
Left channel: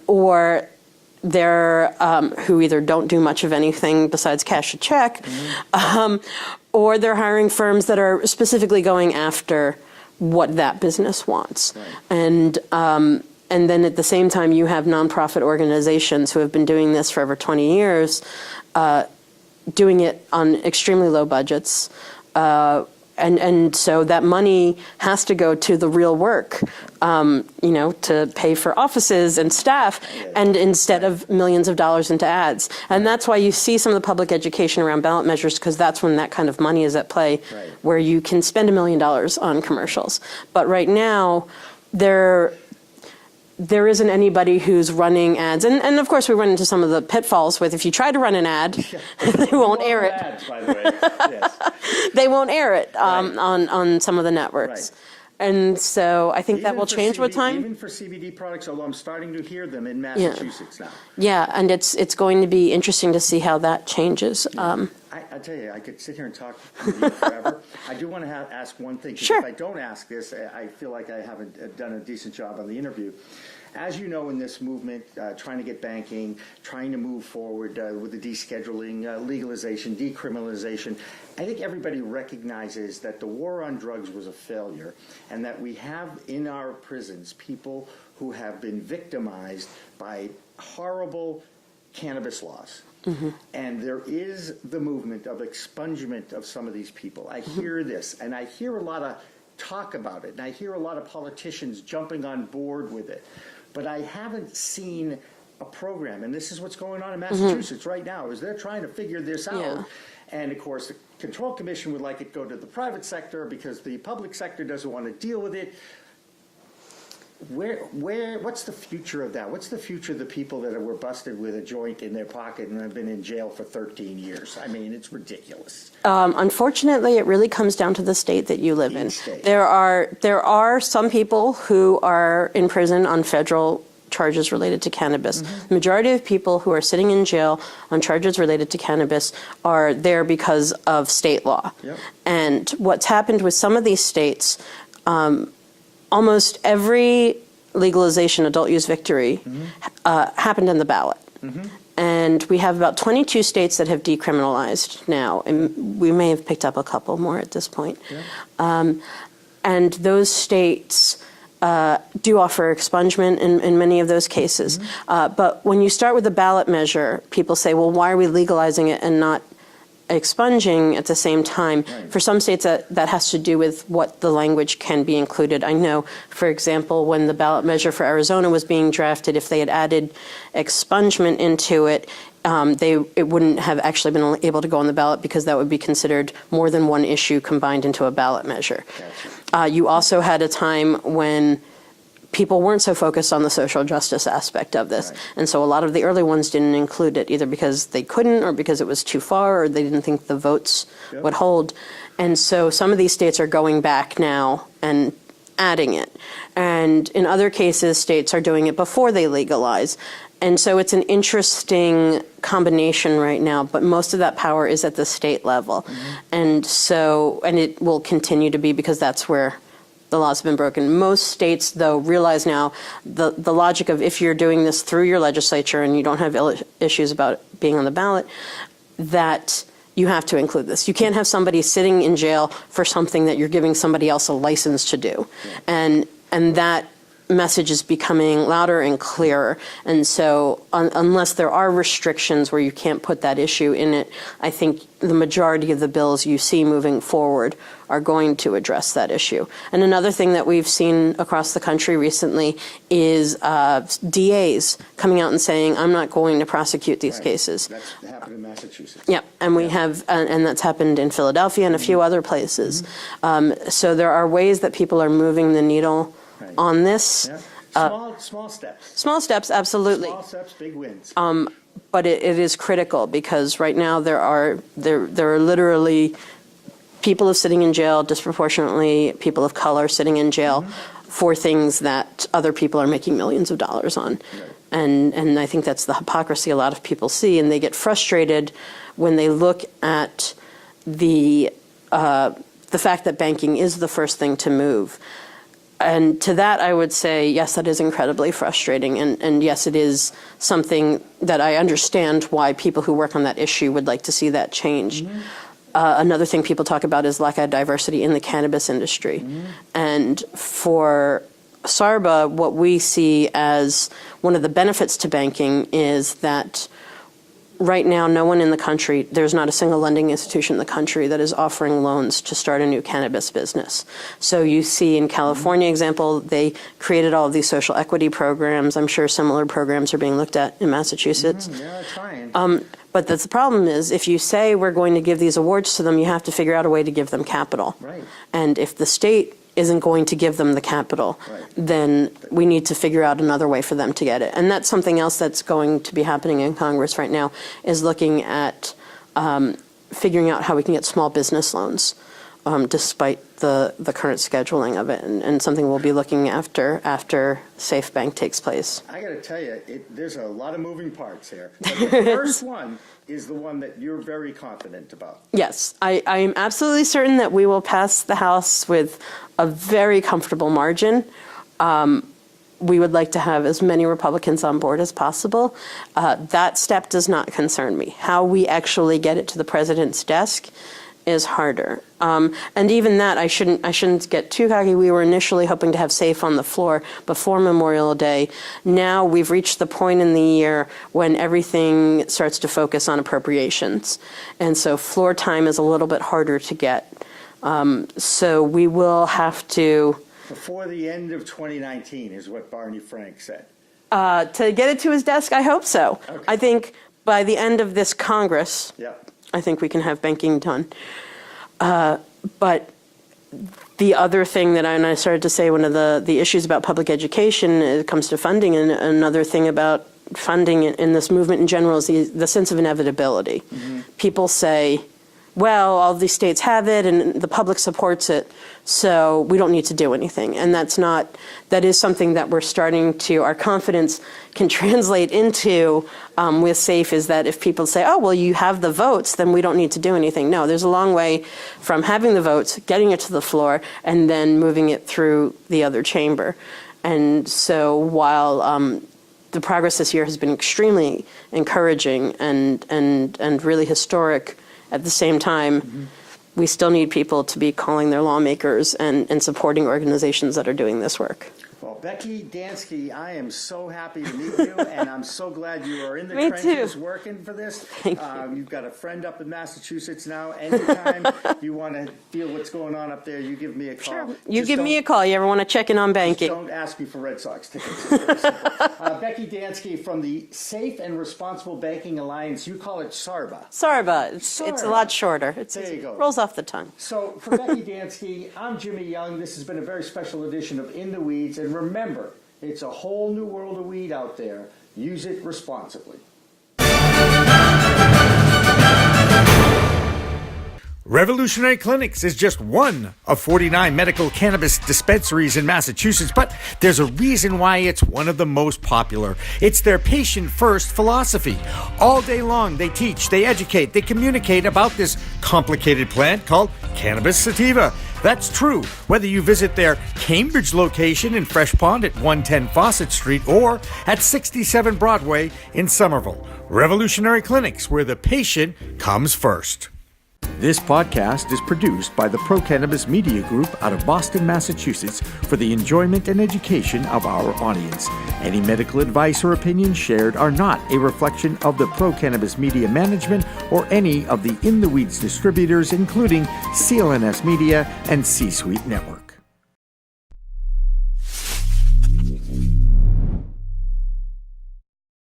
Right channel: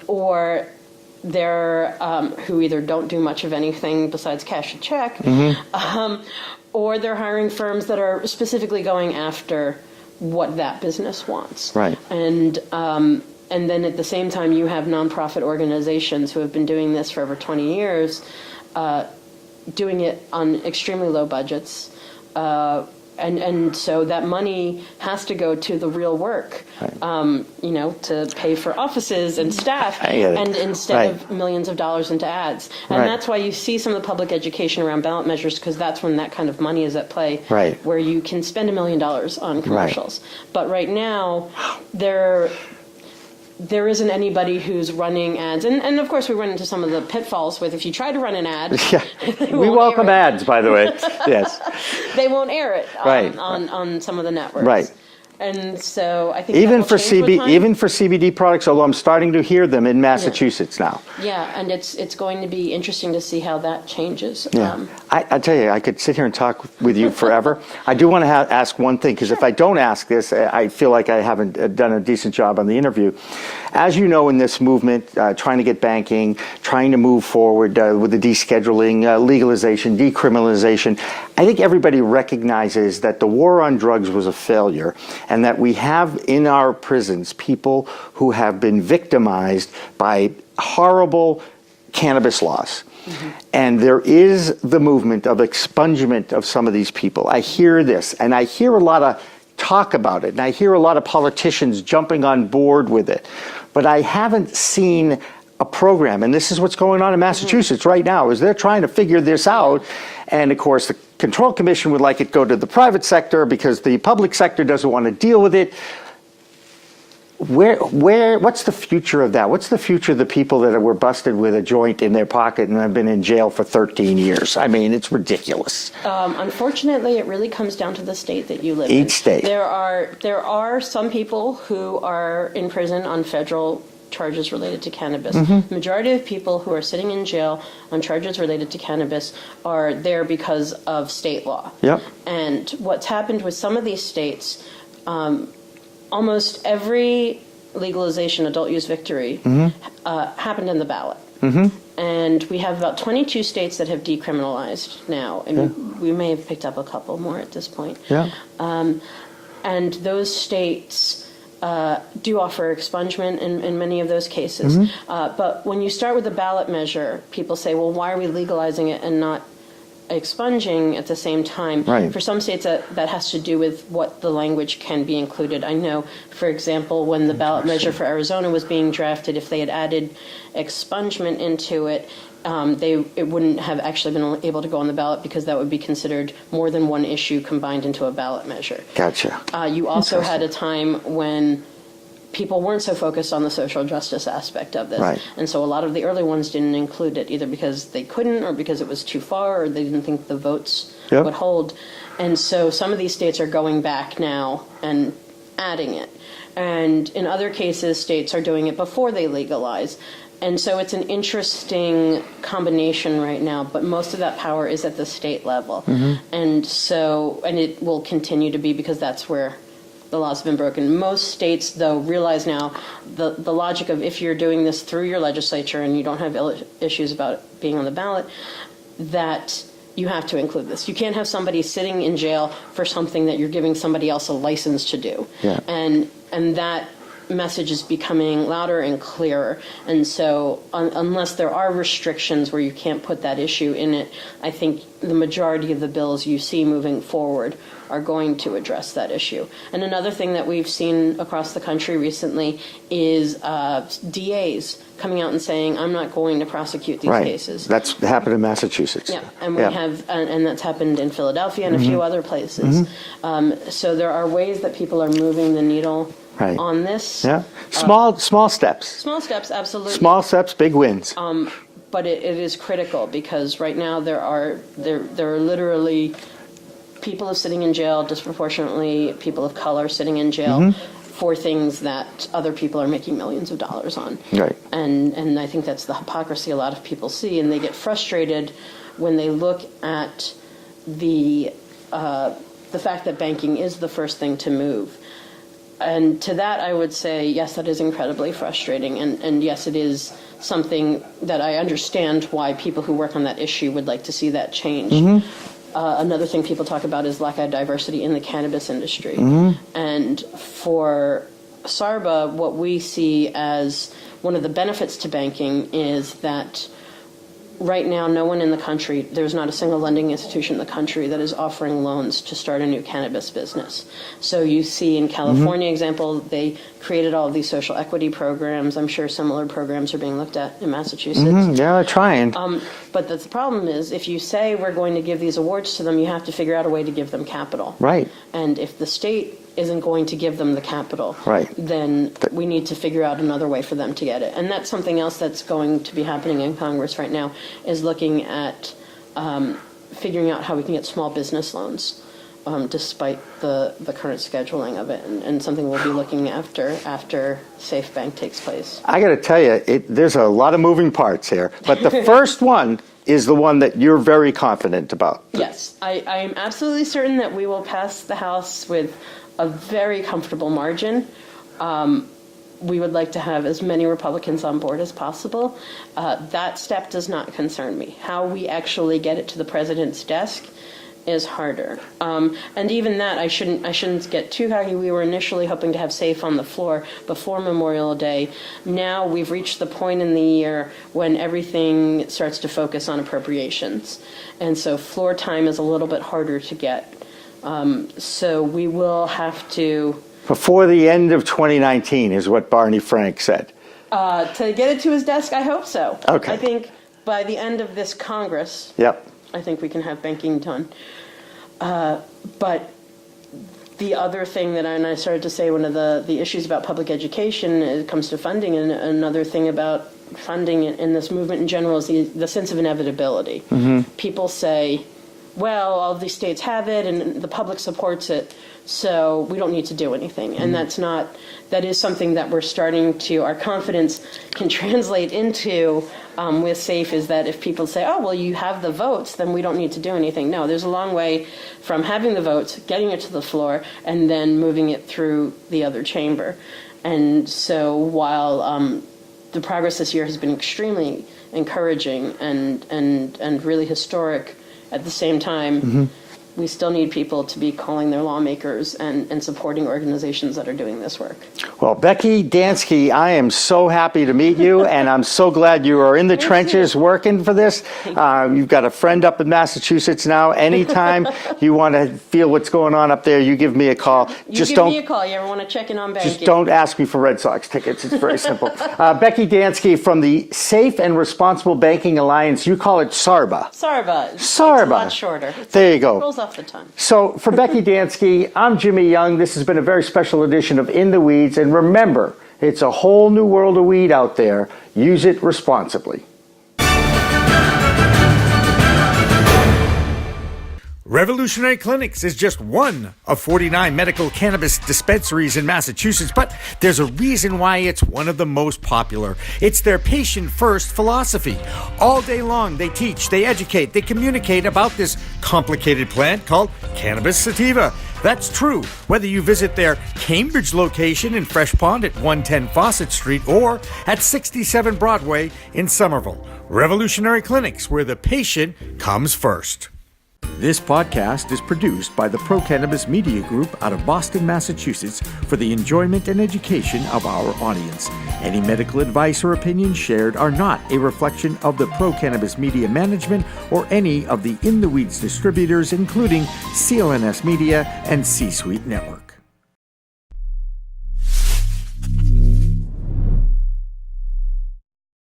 or who either don't do much of anything besides cash a check, or they're hiring firms that are specifically going after what that business wants. Right. And then at the same time, you have nonprofit organizations who have been doing this for over 20 years, doing it on extremely low budgets. And so that money has to go to the real work, to pay for offices and staff, and instead of millions of dollars into ads. And that's why you see some of the public education around ballot measures, because that's when that kind of money is at play, where you can spend $1 million on commercials. But right now, there isn't anybody who's running ads. And of course, we run into some of the pitfalls with if you try to run an ad, they won't we welcome air it. ads, by the way. Yes. They won't air it on some of the networks. Right. And so I think Even that for will change with time. even for CBD products, although I'm starting to hear them in Massachusetts now. Yeah, and it's going to be interesting to see how that changes. Yeah. I tell you, I could sit here and talk with you forever. I do want to ask one thing, because if I don't ask this, I feel like I haven't done a decent job on the interview. As you know, in this movement, trying to get banking, trying to move forward with the descheduling, legalization, decriminalization, I think everybody recognizes that the war on drugs was a failure, and that we have in our prisons people who have been victimized by horrible cannabis laws. And there is the movement of expungement of some of these people. I hear this, and I hear a lot of talk about it, and I hear a lot of politicians jumping on board with it. But I haven't seen a program, and this is what's going on in Massachusetts right now, is they're trying to figure this out. And of course, the Control Commission would like it go to the private sector because the public sector doesn't want to deal with it. What's the future of that? What's the future of the people that were busted with a joint in their pocket and have been in jail for 13 years? I mean, it's ridiculous. Unfortunately, it really comes down to the state that you live in. Each state. There are some people who are in prison on federal charges related to cannabis. The majority of people who are sitting in jail on charges related to cannabis are there because of state law. And what's happened with some of these states, almost every legalization adult use victory happened in the ballot. And we have about 22 states that have decriminalized now. And we may have picked up a couple more at this point. And those states do offer expungement in many of those cases. But when you start with a ballot measure, people say, well, why are we legalizing it and not expunging at the same time? For some states, that has to do with what the language can be included. I know, for example, when the ballot measure for Arizona was being drafted, if they had added expungement into it, it wouldn't have actually been able to go on the ballot, because that would be considered more than one issue combined into a ballot measure. Gotcha. You also had a time when people weren't so focused on the social justice aspect of this. And so a lot of the early ones didn't include it, either because they couldn't or because it was too far or they didn't think the votes would hold. And so some of these states are going back now and adding it. And in other cases, states are doing it before they legalize. And so it's an interesting combination right now, but most of that power is at the state level. And it will continue to be, because that's where the laws have been broken. Most states, though, realize now the logic of, if you're doing this through your legislature and you don't have issues about it being on the ballot, that you have to include this. You can't have somebody sitting in jail for something that you're giving somebody else a license to do. And that message is becoming louder and clearer. And so unless there are restrictions where you can't put that issue in it, I think the majority of the bills you see moving forward are going to address that issue. And another thing that we've seen across the country recently is DAs coming out and saying, I'm not going to prosecute these cases. That's happened in Massachusetts. And we have, and that's happened in Philadelphia and a few other places. So there are ways that people are moving the needle on this. Small steps. Small steps, absolutely. Small steps, big wins. But it is critical, because right now there are literally people who are sitting in jail, disproportionately people of color sitting in jail for things that other people are making millions of dollars on. And I think that's the hypocrisy a lot of people see, and they get frustrated when they look at the fact that banking is the first thing to move. And to that, I would say, yes, that is incredibly frustrating. And yes, it is something that I understand why people who work on that issue would like to see that change. Another thing people talk about is lack of diversity in the cannabis industry. And for SARBA, what we see as one of the benefits to banking is that right now, no one in the country, there's not a single lending institution in the country that is offering loans to start a new cannabis business. So you see in California example, they created all of these social equity programs. I'm sure similar programs are being looked at in Massachusetts. Yeah, they're trying. But the problem is, if you say we're going to give these awards to them, you have to figure out a way to give them capital. Right. And if the state isn't going to give them the capital, then we need to figure out another way for them to get it. And that's something else that's going to be happening in Congress right now, is looking at figuring out how we can get small business loans, despite the current scheduling of it, and something we'll be looking after Safe Bank takes place. I got to tell you, there's a lot of moving parts here, but the first one is the one that you're very confident about. Yes, I am absolutely certain that we will pass the House with a very comfortable margin. We would like to have as many Republicans on board as possible. That step does not concern me. How we actually get it to the president's desk is harder. And even that, I shouldn't get too cocky. We were initially hoping to have SAFE on the floor before Memorial Day. Now we've reached the point in the year when everything starts to focus on appropriations. And so floor time is a little bit harder to get. So we will have to... Before the end of 2019 is what Barney Frank said. To get it to his desk, I hope so. Okay. I think by the end of this Congress, Yep. I think we can have banking done. But the other thing that I started to say, one of the issues about public education, it comes to funding, and another thing about funding in this movement in general is the sense of inevitability. People say, well, all these states have it and the public supports it, so we don't need to do anything. And that is something that we're starting to, our confidence can translate into with SAFE, is that if people say, oh, well, you have the votes, then we don't need to do anything. No, there's a long way from having the votes, getting it to the floor, and then moving it through the other chamber. And so while the progress this year has been extremely encouraging and really historic, at the same time, we still need people to be calling their lawmakers and supporting organizations that are doing this work. Well, Becky Dansky, I am so happy to meet you, and I'm so glad you are in the trenches working for this. You've got a friend up in Massachusetts now. Anytime you want to feel what's going on up there, you give me a call. Sure. You give me a call. You ever want to check in on banking? Just don't ask me for Red Sox tickets. It's very simple. Becky Dansky from the Safe and Responsible Banking Alliance. You call it SARBA. SARBA. SARBA. It's a lot shorter. There you go. Rolls off the tongue. So for Becky Dansky, I'm Jimmy Young. This has been a very special edition of In the Weeds. And remember, it's a whole new world of weed out there. Use it responsibly. Revolutionary Clinics is just one of 49 medical cannabis dispensaries in Massachusetts, but there's a reason why it's one of the most popular. It's their patient-first philosophy. All day long, they teach, they educate, they communicate about this complicated plant called cannabis sativa. That's true whether you visit their Cambridge location in Fresh Pond at 110 Fawcett Street or at 67 Broadway in Somerville. Revolutionary Clinics, where the patient comes first. This podcast is produced by the Pro Cannabis Media Group out of Boston, Massachusetts, for the enjoyment and education of our audience. Any medical advice or opinions shared are not a reflection of the Pro Cannabis Media Management or any of the In the Weeds distributors, including CLNS Media and C-Suite Network.